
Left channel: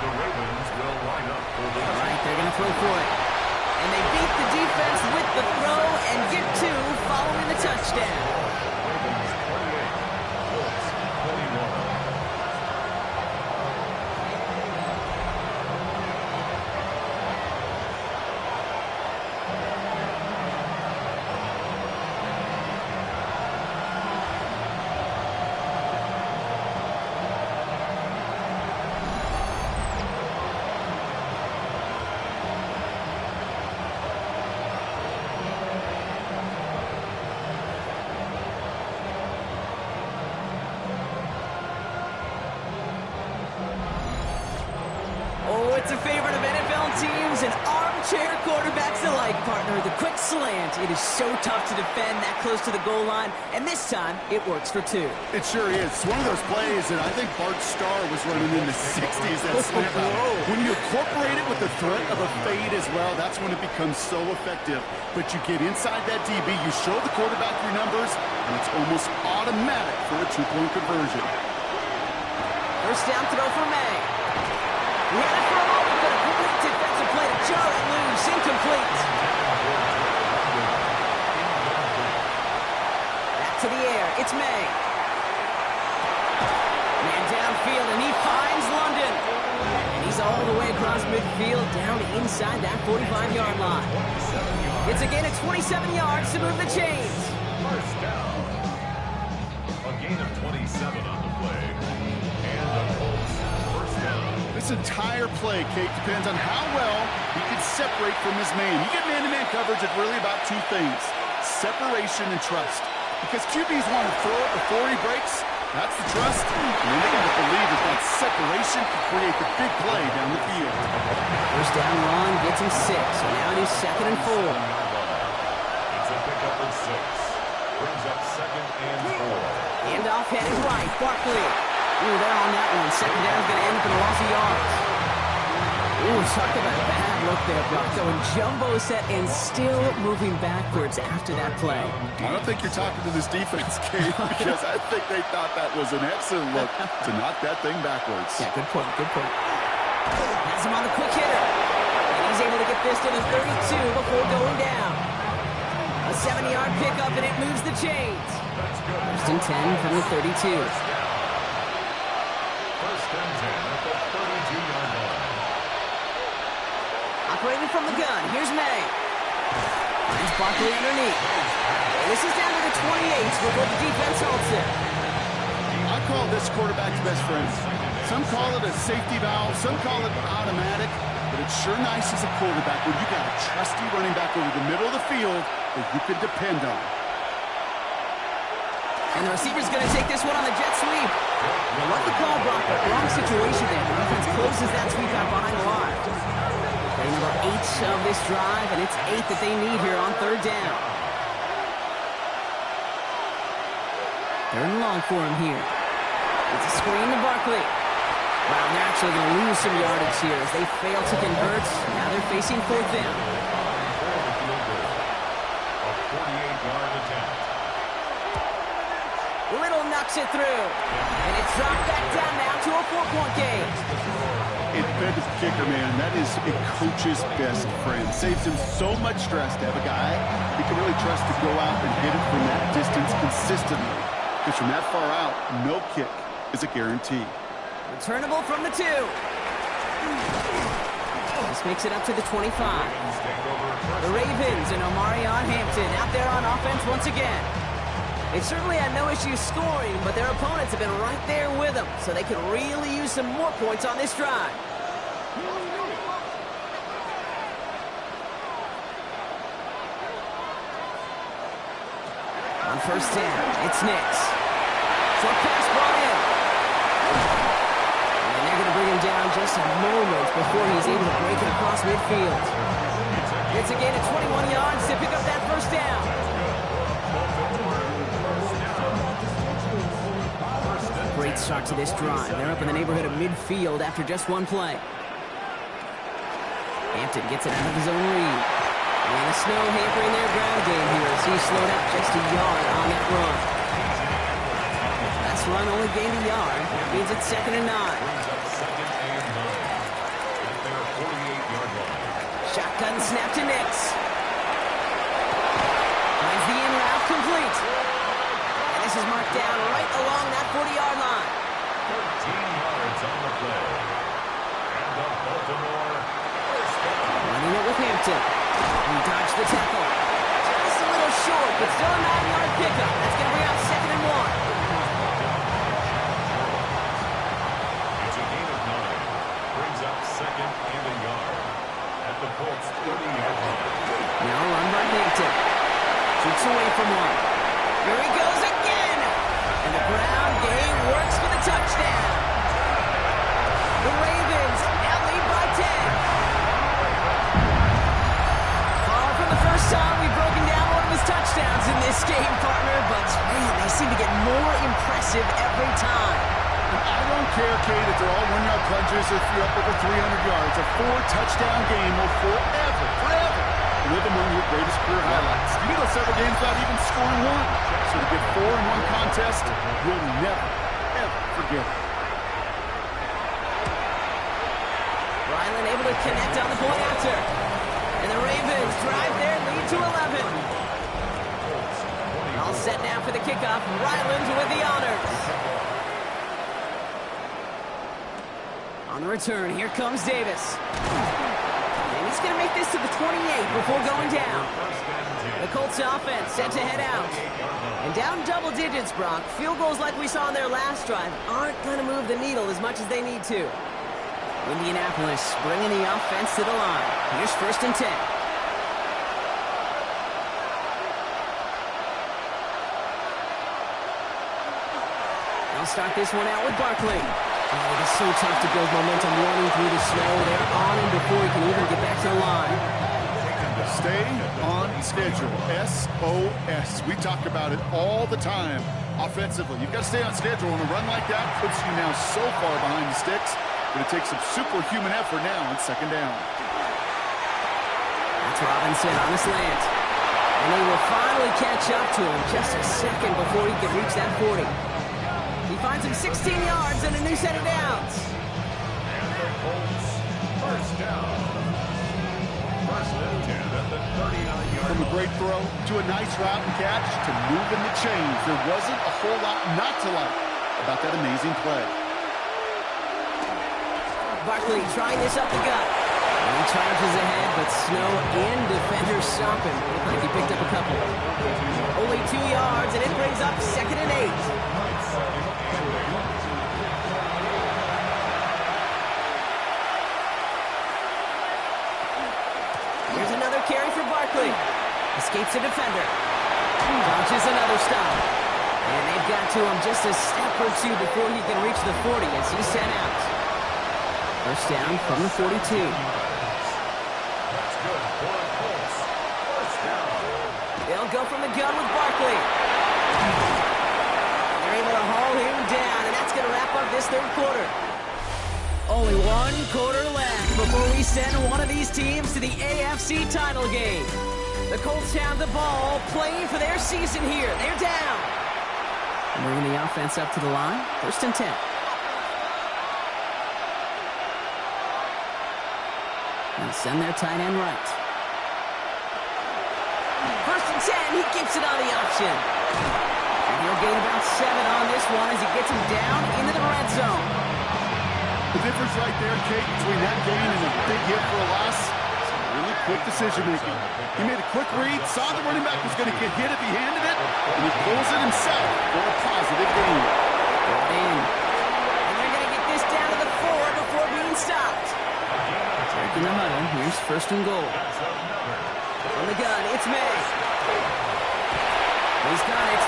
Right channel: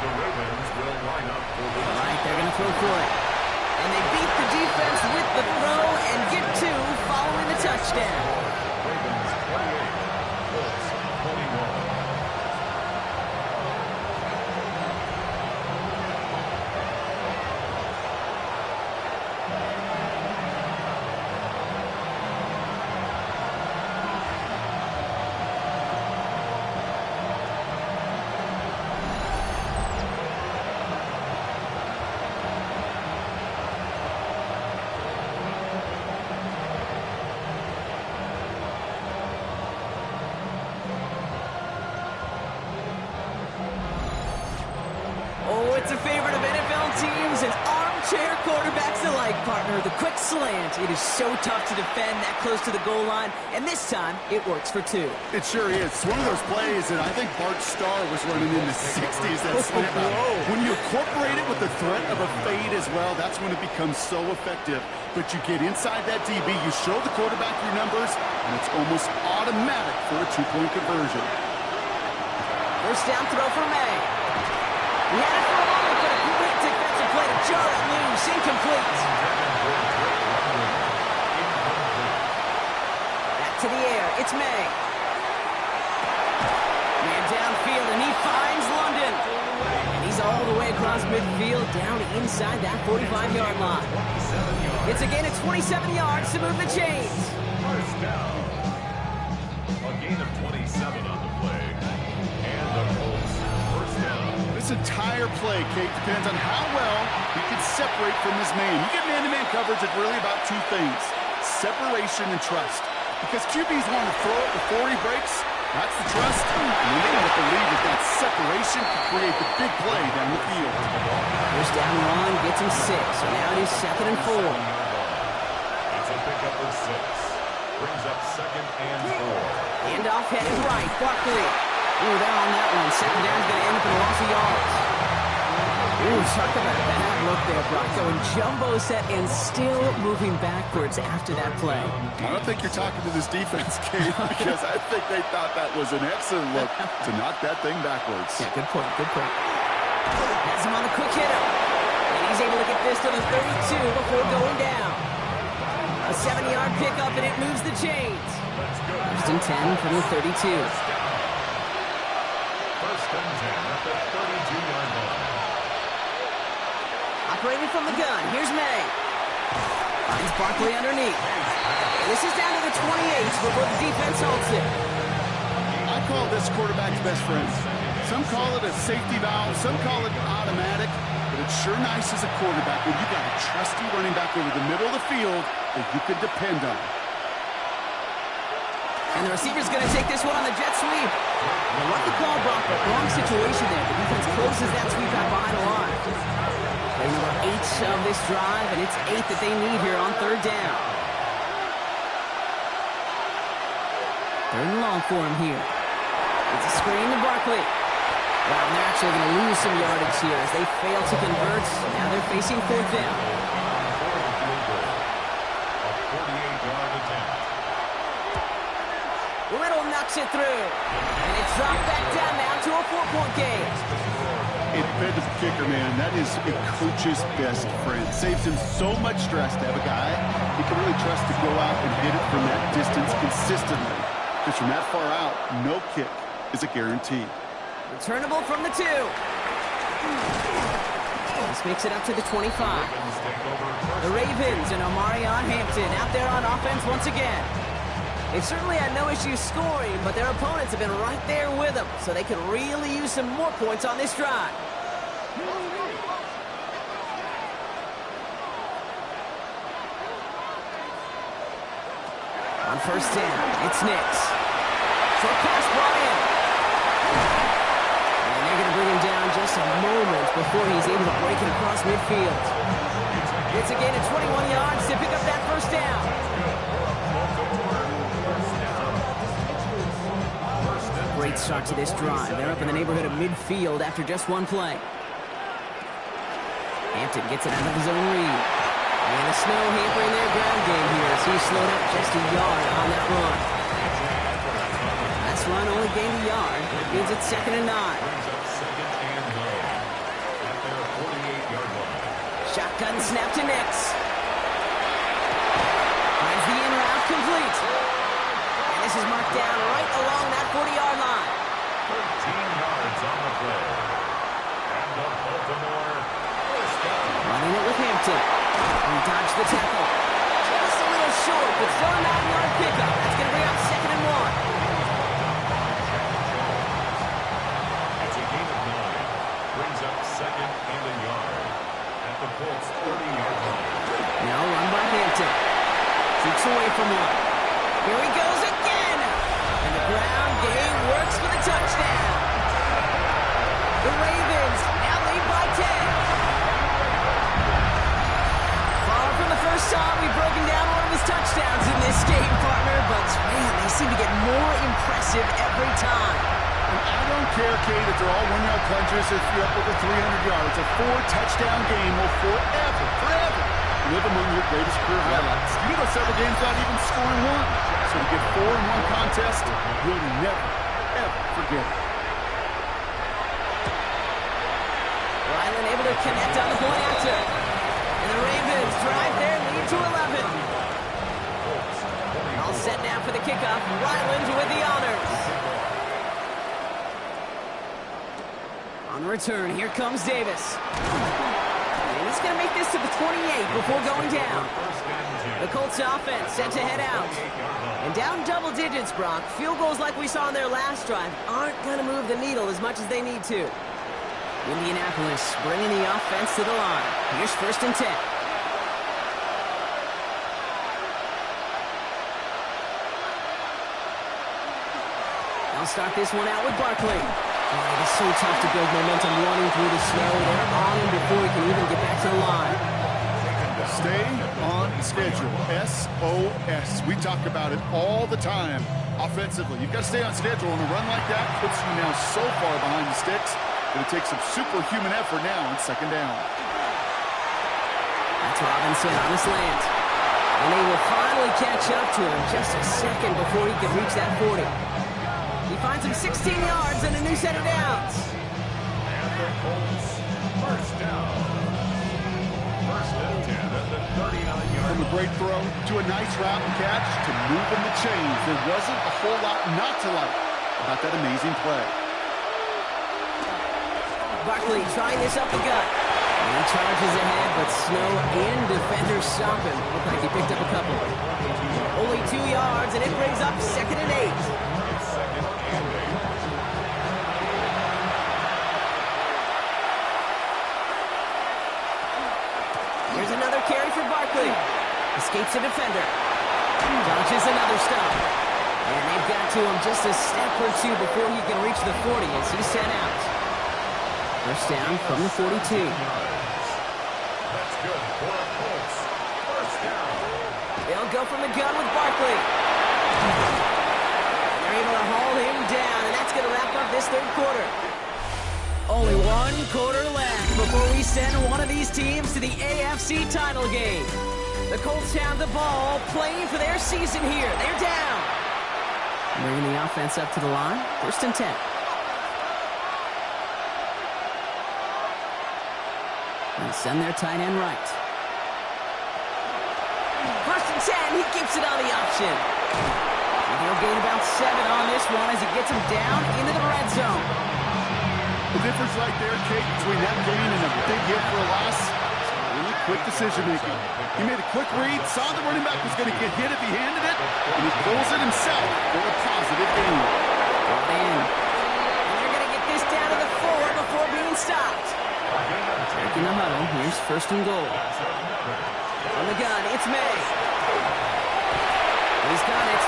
The Ravens will line up for the All right, they're going to throw for it. And they beat the defense with the throw and get 2 following the touchdown. Ravens 28, Colts 21. It's a favorite of NFL teams and armchair quarterbacks alike, partner. The quick slant. It is so tough to defend that close to the goal line, and this time it works for 2. It sure is. It's one of those plays that I think Bart Starr was running in the 60s, that slant route. When you incorporate it with the threat of a fade as well, that's when it becomes so effective. But you get inside that DB, you show the quarterback your numbers, and it's almost automatic for a 2-point conversion. First down throw for May. He had it for a moment, but a great defensive play to jar it loose. Incomplete. Back to the air. It's May. Man downfield, and he finds London. And he's all the way across midfield, down inside that 45-yard line. It's a gain of 27 yards to move the chains. First down. A gain of 27 on the play. And the Colts first down. This entire play, Kate, depends on how well he can separate from his man. You get man-to-man coverage, it's really about 2 things: separation and trust. Because QBs want to throw it before he breaks. That's the trust. And then they got to believe that that separation can create the big play down the field. First down run gets him 6. So now it is 2nd and 4. It's a pickup of 6. Brings up 2nd and 4. Handoff headed right. Barkley. Ooh, they're on that one. 2nd down's going to end up in a loss of yards. Ooh, talk about a bad look there, Brock. Going jumbo set and still moving backwards after that play. I don't think you're talking to this defense, Kate, because I think they thought that was an excellent look to knock that thing backwards. Yeah, good point, good point. Has him on the quick hitter. And he's able to get this to the 32 before going down. A 7-yard pickup, and it moves the chains. First and 10 from the 32. First and 10 at the 32-yard line. Operating from the gun, here's May. Finds Barkley underneath. And this is down to the 28 before the defense halts it. I call this quarterback's best friend. Some call it a safety valve, some call it automatic, but it's sure nice as a quarterback when you got a trusty running back over the middle of the field that you can depend on. And the receiver's going to take this one on the jet sweep. They love the call, Brock, but wrong situation there. The defense closes that sweep out behind the line. Play number 8 of this drive, and it's 8 that they need here on 3rd down. Third and long for him here. It's a screen to Barkley. Wow, and they're actually going to lose some yardage here as they fail to convert. Now they're facing fourth down. A 48-yard attempt. Little knocks it through. And it's dropped back down now to a 4-point game. Independent kicker, man, that is a coach's best friend. Saves him so much stress to have a guy he can really trust to go out and hit it from that distance consistently. Because from that far out, no kick is a guarantee. Returnable from the 2. This makes it up to the 25. The Ravens and Omarion Hampton out there on offense once again. They've certainly had no issue scoring, but their opponents have been right there with them, so they could really use some more points on this drive. On first down, it's Nix. Short pass brought in. And they're going to bring him down just a moment before he's able to break it across midfield. It's a gain of 21 yards to pick up that first down. Great start to this drive. They're up in the neighborhood of midfield after just one play. Hampton gets it out of his own read. And the snow hampering their ground game here as he slowed up just a yard on that run. Last run only gained a yard. That means it's 2nd and 9. Brings up 2nd and 9 at their 48-yard line. Shotgun snap to Nix. Finds the in route complete. And this is marked down right along that 40-yard line. 13 yards on the play. And the Baltimore first down. Running it with Hampton. He dodged the tackle. Just a little short, but still a 9-yard pickup. That's going to bring up 2nd and 1. It's a gain of 9. Brings up 2nd and a yard at the Colts 30-yard line. Now run by Hampton. Shoots away from one. Here he goes again. And the ground game works for the touchdown. The Ravens now lead by 10. Far from the first time we've broken down one of his touchdowns in this game, partner, but man, they seem to get more impressive every time. And I don't care, Kate, if they're all 1-yard plunges, if you're up over 300 yards. A 4-touchdown game will forever live among your greatest career highlights. You can go several games without even scoring one. So to get 4 in one contest, you'll never, ever forget it. Ryland able to connect on the point after. And the Ravens drive their lead to 11. All set now for the kickoff. Ryland with the honors. On the return, here comes Davis. And he's going to make this to the 28 before going down. The Colts offense set to head out. And down double digits, Brock. Field goals like we saw in their last drive aren't going to move the needle as much as they need to. Indianapolis bringing the offense to the line. Here's 1st and 10. They'll start this one out with Barkley. Oh, it is so tough to build momentum running through the snow. They're on him before he can even get back to the line. Stay on schedule. SOS. We talk about it all the time offensively. You've got to stay on schedule, and a run like that puts you now so far behind the sticks. Going to take some superhuman effort now on 2nd down. That's Robinson on the slant. And they will finally catch up to him just a second before he can reach that 40. He finds him 16 yards and a new set of downs. And the Colts first down. 1st and 10 at the 39-yard line. From a great throw to a nice route and catch to moving the chains. There wasn't a whole lot not to like about that amazing play. Barkley trying this up the gut. And he charges ahead, but snow and defenders stop him. Looked like he picked up a couple. Only 2 yards, and it brings up 2nd and 8. It's 2nd and 8. Here's another carry for Barkley. Escapes a defender. Dodges another stop. And they've got to him just a step or two before he can reach the 40 as he's sent out. First down from the 42. That's good for the Colts. First down. They'll go from the gun with Barkley. And They're able to haul him down, and that's going to wrap up this third quarter. Only one quarter left before we send one of these teams to the AFC title game. The Colts have the ball, playing for their season here. They're down. Bringing the offense up to the line. 1st and 10. And send their tight end right. 1st and 10. He keeps it on the option. And he'll gain about 7 on this one as he gets him down into the red zone. The difference right there, Kate, between that gain and a big hit for a loss, really quick decision-making. He made a quick read, saw the running back was going to get hit if he handed it, and he pulls it himself for a positive gain. Brought in. And they're going to get this down to the 4 before being stopped. Taking the huddle. Here's 1st and goal. From the gun, it's May. He's got it.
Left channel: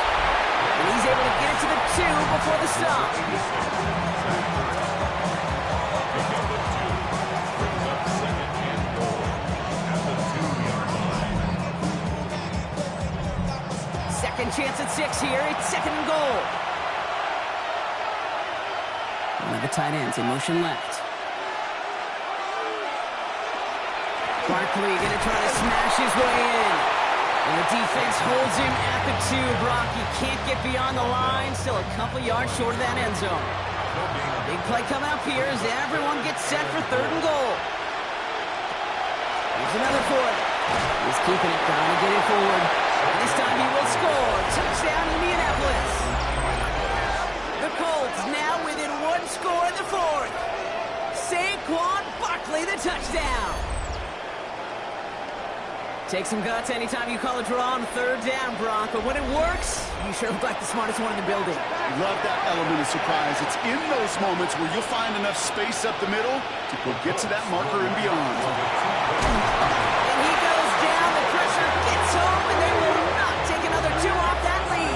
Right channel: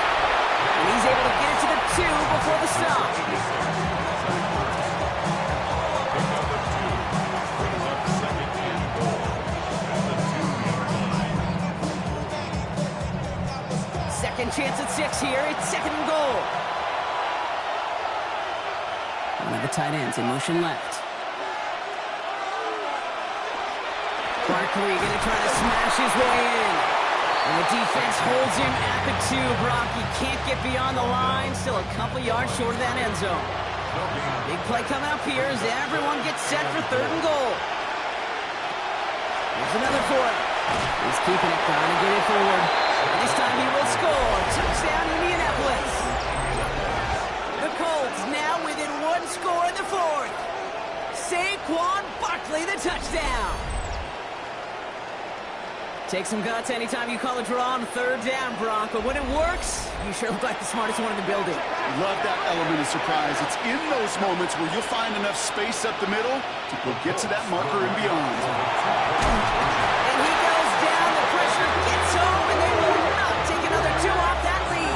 And he's able to get it to the 2 before the stop. Pick up a 2. Brings up 2nd and goal at the 2-yard line. Second chance at 6 here. It's 2nd and goal. One of the tight ends in motion left. Barkley going to try to smash his way in. And the defense holds him at the 2. Brock, he can't get beyond the line. Still a couple yards short of that end zone. Big play coming up here as everyone gets set for 3rd and goal. Here's another for it. He's keeping it, trying to get it forward. And this time he will score. Touchdown, Indianapolis. The Colts now within 1 score in the 4th. Saquon Barkley, the touchdown. Take some guts anytime you call a draw on 3rd down, Brock. But when it works, you sure look like the smartest one in the building. Love that element of surprise. It's in those moments where you'll find enough space up the middle to go get to that marker and beyond. And he goes down. The pressure gets home, and they will not take another 2 off that lead.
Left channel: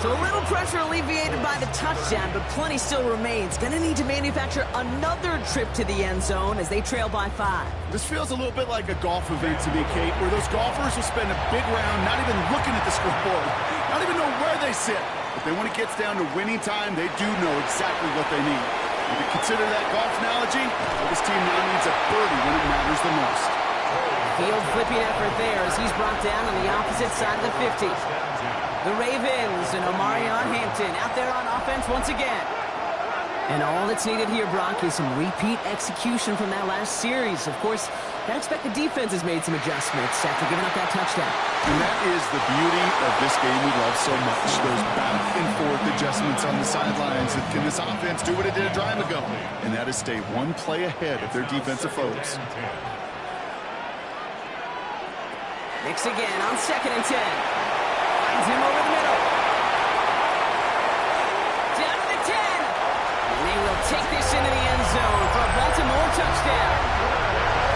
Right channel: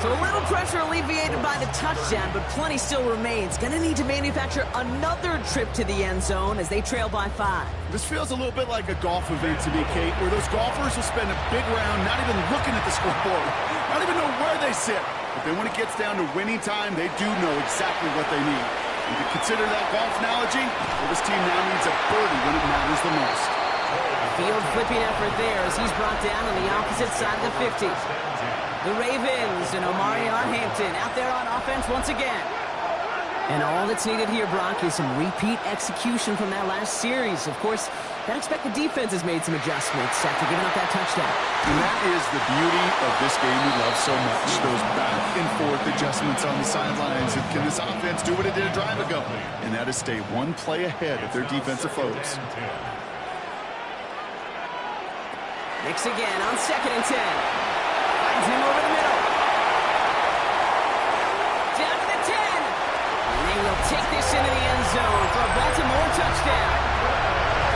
So a little pressure alleviated by the touchdown, but plenty still remains. Going to need to manufacture another trip to the end zone as they trail by 5. This feels a little bit like a golf event to me, Kate, where those golfers will spend a big round not even looking at the scoreboard, not even know where they sit. But then when it gets down to winning time, they do know exactly what they need. And to consider that golf analogy, well, this team now needs a birdie when it matters the most. Field flipping effort there as he's brought down on the opposite side of the 50. The Ravens and Omarion Hampton out there on offense once again. And all that's needed here, Brock, is some repeat execution from that last series. Of course, I expect the defense has made some adjustments after giving up that touchdown. And that is the beauty of this game we love so much. Those back and forth adjustments on the sidelines. And can this offense do what it did a drive ago? And that is stay 1 play ahead of their defensive foes. Nix again on 2nd and 10. Finds him over the middle. Down to the 10. And they will take this into the end zone for a Baltimore touchdown.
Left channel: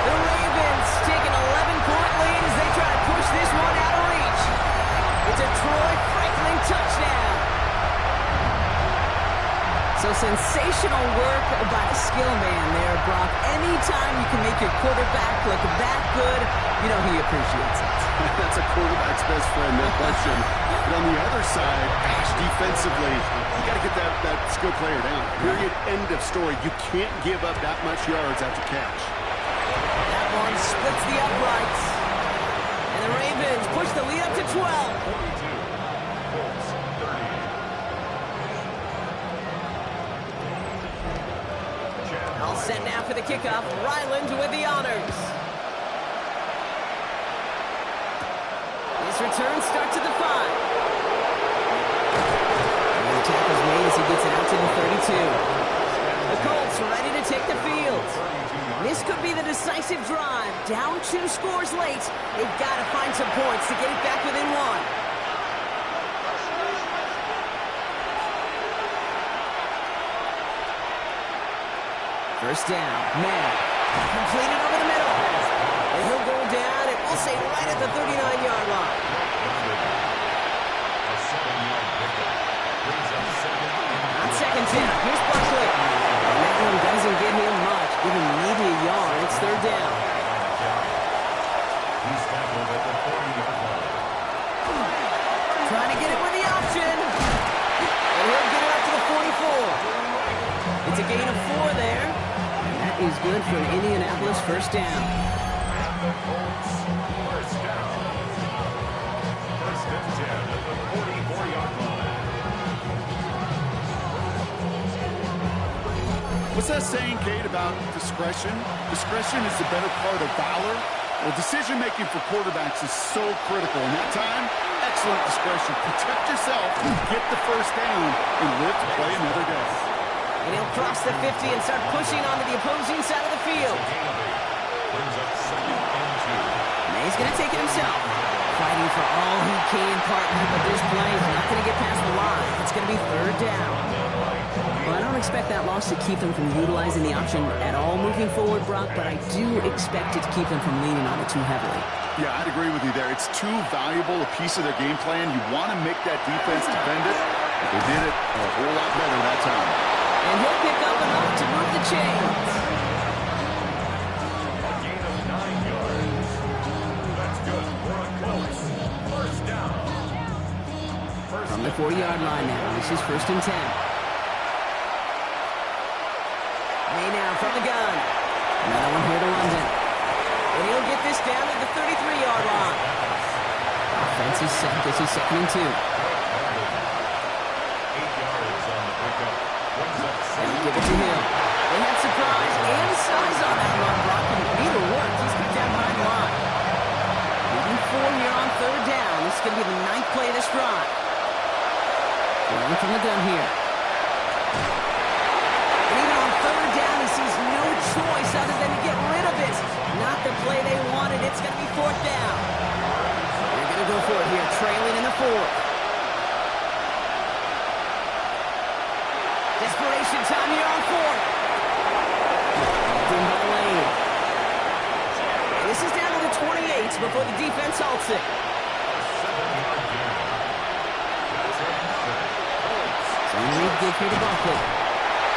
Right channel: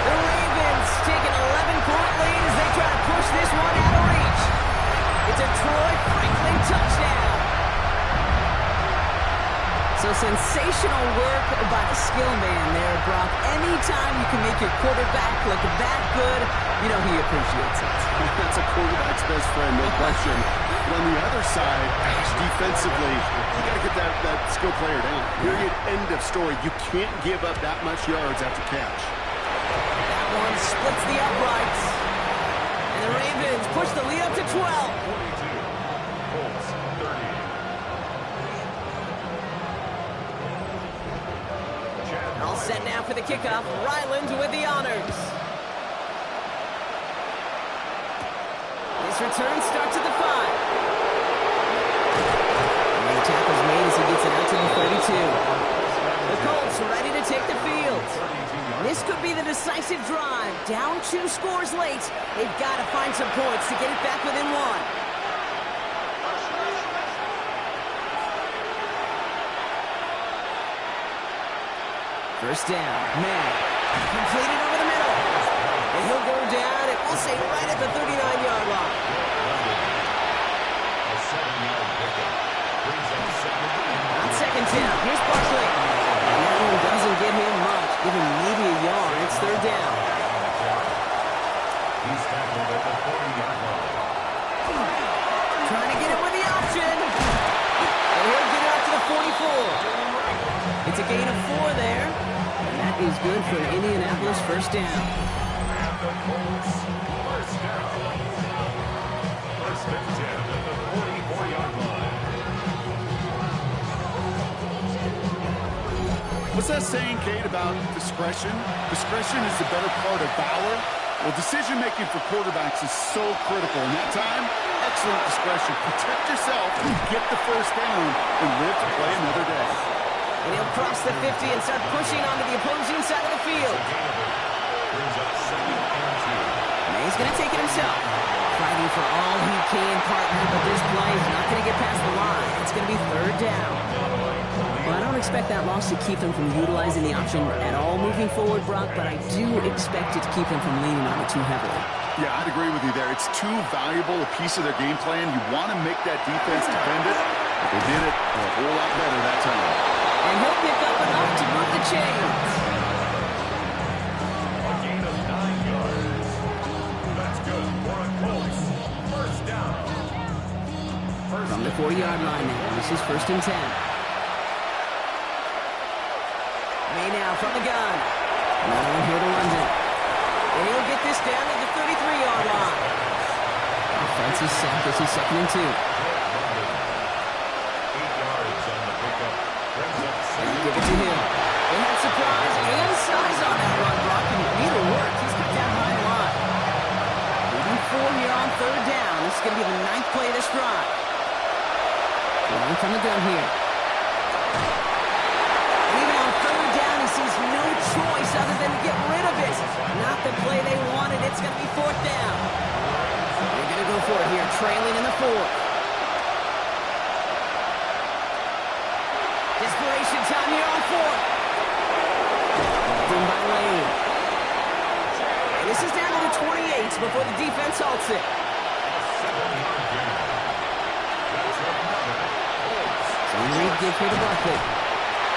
The Ravens take an 11-point lead as they try to push this one out of reach. It's a Troy Franklin touchdown. So sensational work by the skill man there, Brock. Anytime you can make your quarterback look that good, you know he appreciates it. That's a quarterback's best friend, no question. But on the other side, gosh, defensively, you got to get that skill player down. Period, end of story. You can't give up that much yards after catch. That one splits the uprights. And the Ravens push the lead up to 12. 42. Colts 30. All set now for the kickoff. Ryland with the honors. His return starts at the 5. And the tackle's made as he gets it out to the 32. The Colts ready to take the field. This could be the decisive drive. Down 2 scores late. They've got to find some points to get it back within 1. First down, May. Completed over the middle. And he'll go down, and we'll say right at the 39-yard line. A 7-yard pickup. Brings up 2nd and On 2nd down, here's Barkley. And that one doesn't get him much. Give him maybe a yard. It's 3rd down. He's tackled at the 40-yard line. Trying to get it with the option. And he'll get it up to the 44. It's a gain of 4 there. And that is good for an Indianapolis first down. And the Colts, first down. First and 10 at the 44-yard line. What's that saying, Kate, about discretion? Discretion is the better part of valor. Well, decision-making for quarterbacks is so critical. In that time, excellent discretion. Protect yourself, get the first down, and live to play another day. And he'll cross the 50 and start pushing onto the opposing side of the field. Gain of 8. Brings up second and 2. May's going to take it himself. Fighting for all he can, partner, but this play is not going to get past the line. It's going to be third down. Well, I don't expect that loss to keep them from utilizing the option at all moving forward, Brock, but I do expect it to keep them from leaning on it too heavily. Yeah, I'd agree with you there. It's too valuable a piece of their game plan. You want to make that defense defend it, but they did it a whole lot better that time. And he'll pick up enough to move the chains. A gain of 9 yards. That's good for a Colts. First down. From the 40-yard line now. This is first and 10. May now from the gun. Another one here to London. And he'll get this down to the 33-yard line. Offense is set. This is second and 2. 8 yards on the pickup. Brings up And give it to him. They had surprise and size on that run, Brock, and neither worked. He's cut down behind the line. Leading 4 here on third down. This is going to be the 9th play of this drive. Rolling from the gun here. And even on third down, he sees no choice other than to get rid of it. Not the play they wanted. It's going to be fourth down. They're going to go for it here, trailing in the fourth. Desperation time here on fourth. In by Lane. And this is down to the 28 before the defense halts it. a 7-yard gain. That's another Colts. So Reed give here to Buckley.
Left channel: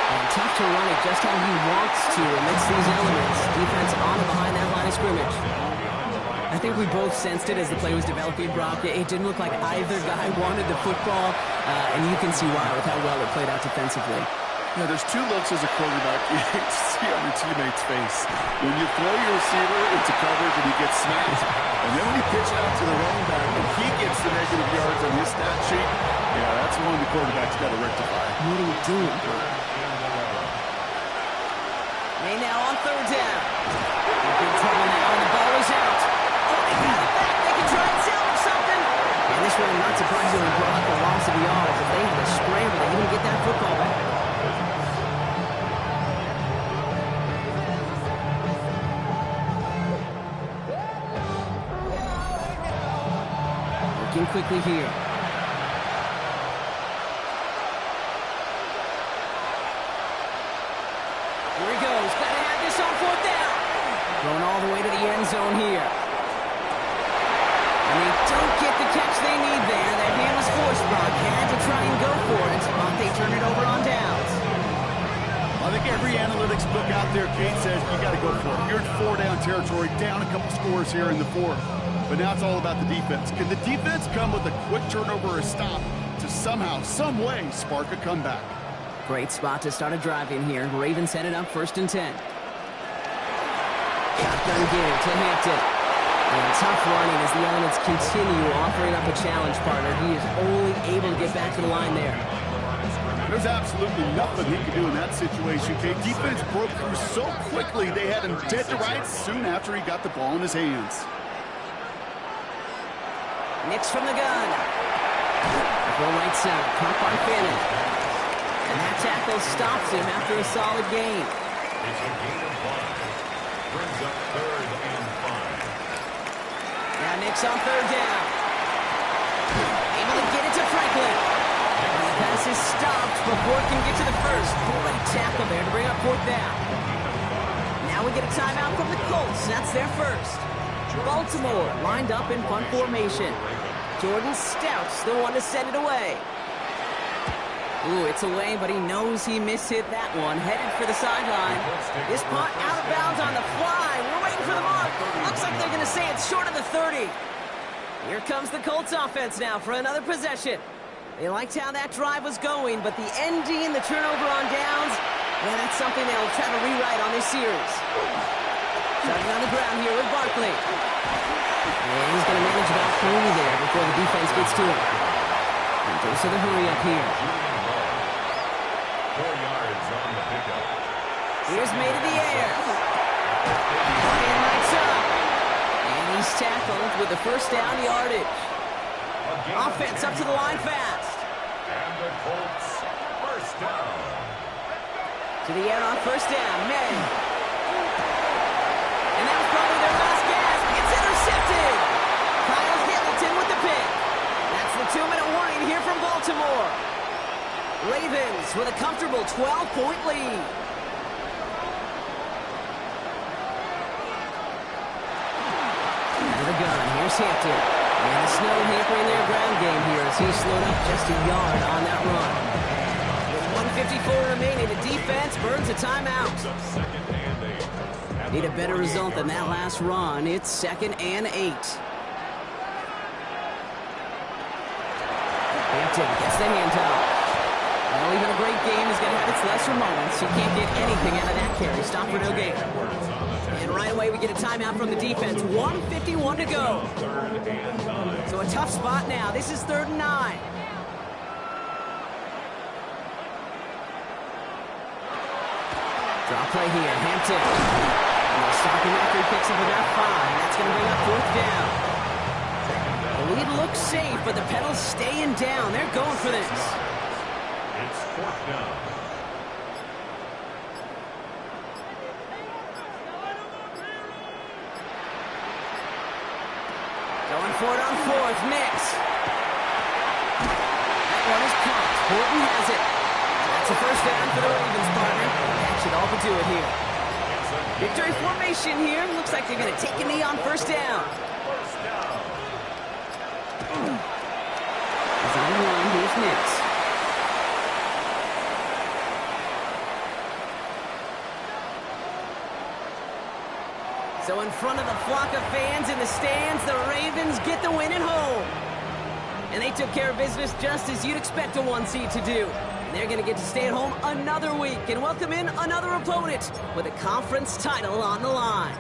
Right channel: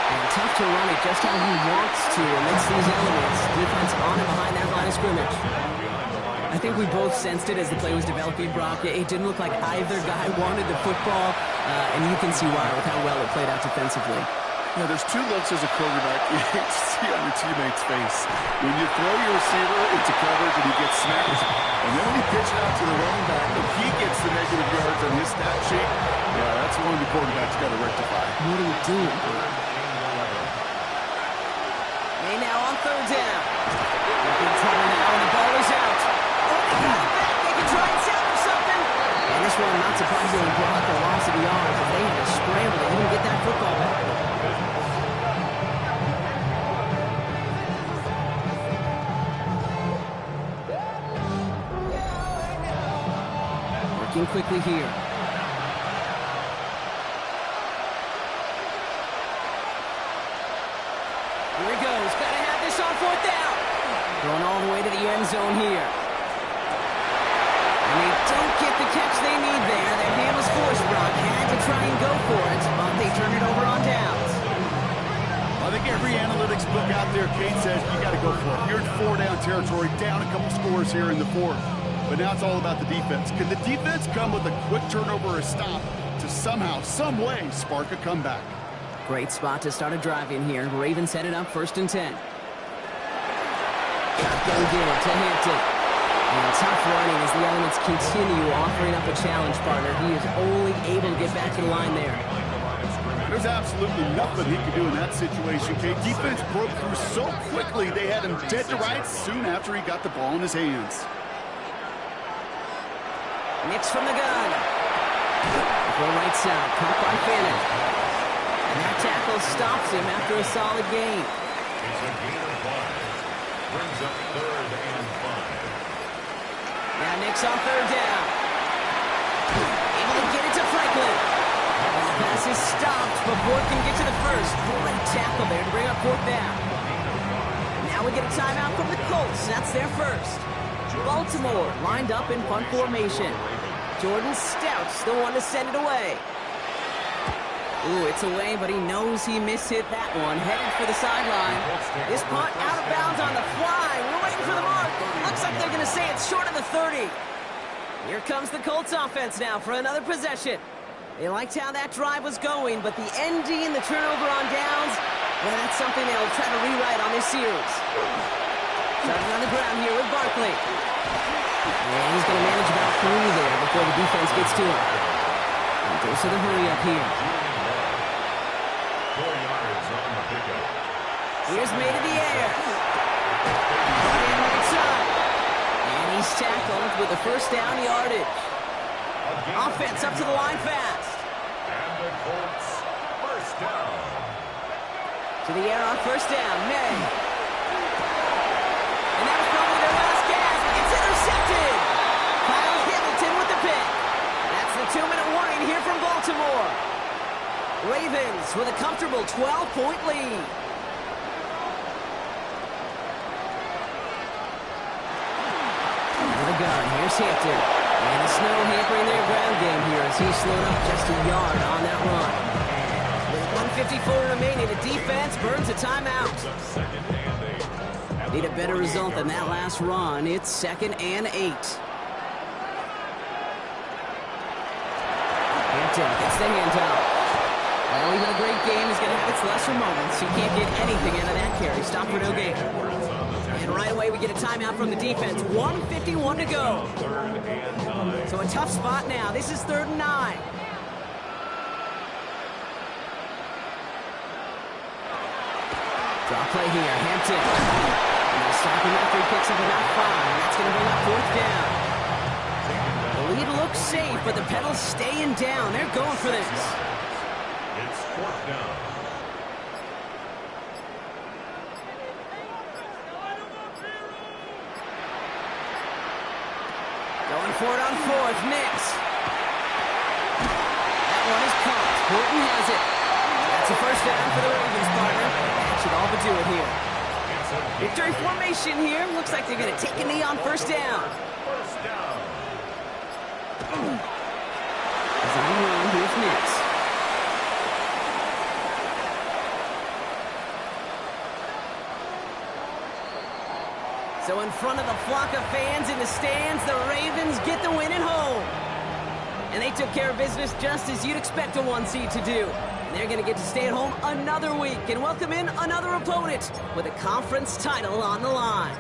And tough to run it just how he wants to amidst these elements. Defense on and behind that line of scrimmage. I think we both sensed it as the play was developing, Brock. It didn't look like either guy wanted the football, and you can see why with how well it played out defensively. Yeah, there's 2 looks as a quarterback you hate to see on your teammate's face. When you throw your receiver into coverage and he gets smacked, and then when you pitch it out to the running back and he gets the negative yards on his stat sheet, yeah, that's one the quarterback's got to rectify. What are you doing, bro? May now on third down. In big trouble now, and the ball is out. Oh, they got it back. They can try and salvage something. And this one, not surprisingly, brought up the loss of yards as they had to scramble to even get that football back. Working quickly here. Here he goes. Got to have this on fourth down. Going all the way to the end zone here. And they don't get the catch they need there. Their hand was forced, Brock. Had to try and go for it, but they turn it over on downs. I think every analytics book out there, Kate, says you got to go for it. You're in 4-down territory, down a couple scores here in the fourth. But now it's all about the defense. Can the defense come with a quick turnover or a stop to somehow, some way, spark a comeback? Great spot to start a drive in here. Ravens set it up first and 10. Shotgun give to Hampton. And tough running as the elements continue offering up a challenge, partner. He is only able to get back to the line there. There's absolutely nothing he could do in that situation, Kate. Defense broke through so quickly they had him dead to rights soon after he got the ball in his hands. Nix from the gun. Throw right side, caught by Fannin. And that tackle stops him after a solid gain. It's a gain of 5. Brings up third and 5. Now Nix on third down. Able to get it to Franklin. And the pass is stopped before it can get to the first. Great tackle there to bring up fourth down. Now we get a timeout from the Colts. That's their first. Baltimore lined up in punt formation. Jordan Stout's the one to send it away. Ooh, it's away, but he knows he mishit that one. Headed for the sideline. This punt out of bounds on the fly. We're waiting for the mark. Looks like they're going to say it's short of the 30. Here comes the Colts offense now for another possession. They liked how that drive was going, but the ND and the turnover on downs, yeah, that's something they'll try to rewrite on this series. Starting on the ground here with Barkley. And he's going to manage about 3 there before the defense gets to him. And goes to the hurry up here. 4 yards on the pickup. Here's made in the air. Brought in right side. And he's tackled with the first down yardage. Offense up to the line fast. And the Colts first down. To the air on first down. May. And that was probably their last gasp. It's intercepted. Kyle Hamilton with the pick. That's the 2-minute warning here from Baltimore. Ravens with a comfortable 12-point lead. Out of the gun, here's Hampton. And the snow hampering their ground game here as he slowed up just a yard on that run. With 1:54 remaining, the defense burns a timeout. Need a better result than that last run. It's 2nd and 8. Hampton gets the handoff. Well, even a great game is going to have its lesser moments. You can't get anything out of that carry. Stop for no gain. And right away, we get a timeout from the defense. 1:51 to go. So a tough spot now. This is 3rd and 9. Draw play here. Hampton. And they'll stop him after he picks up about 5. That's going to bring up 4th down. The lead looks safe, but the pedals staying down. They're going for this. It's 4th down. Going for it on 4th. Nix. That one is caught. Horton has it. That's a first down for the Ravens, partner. That should all but do it here. Victory formation here. Looks like they're going to take a knee on first down. First down. He's on the run. Here's Nix. So in front of the flock of fans in the stands, the Ravens get the win at home. And they took care of business just as you'd expect a 1 seed to do. And they're going to get to stay at home another week and welcome in another opponent with a conference title on the line.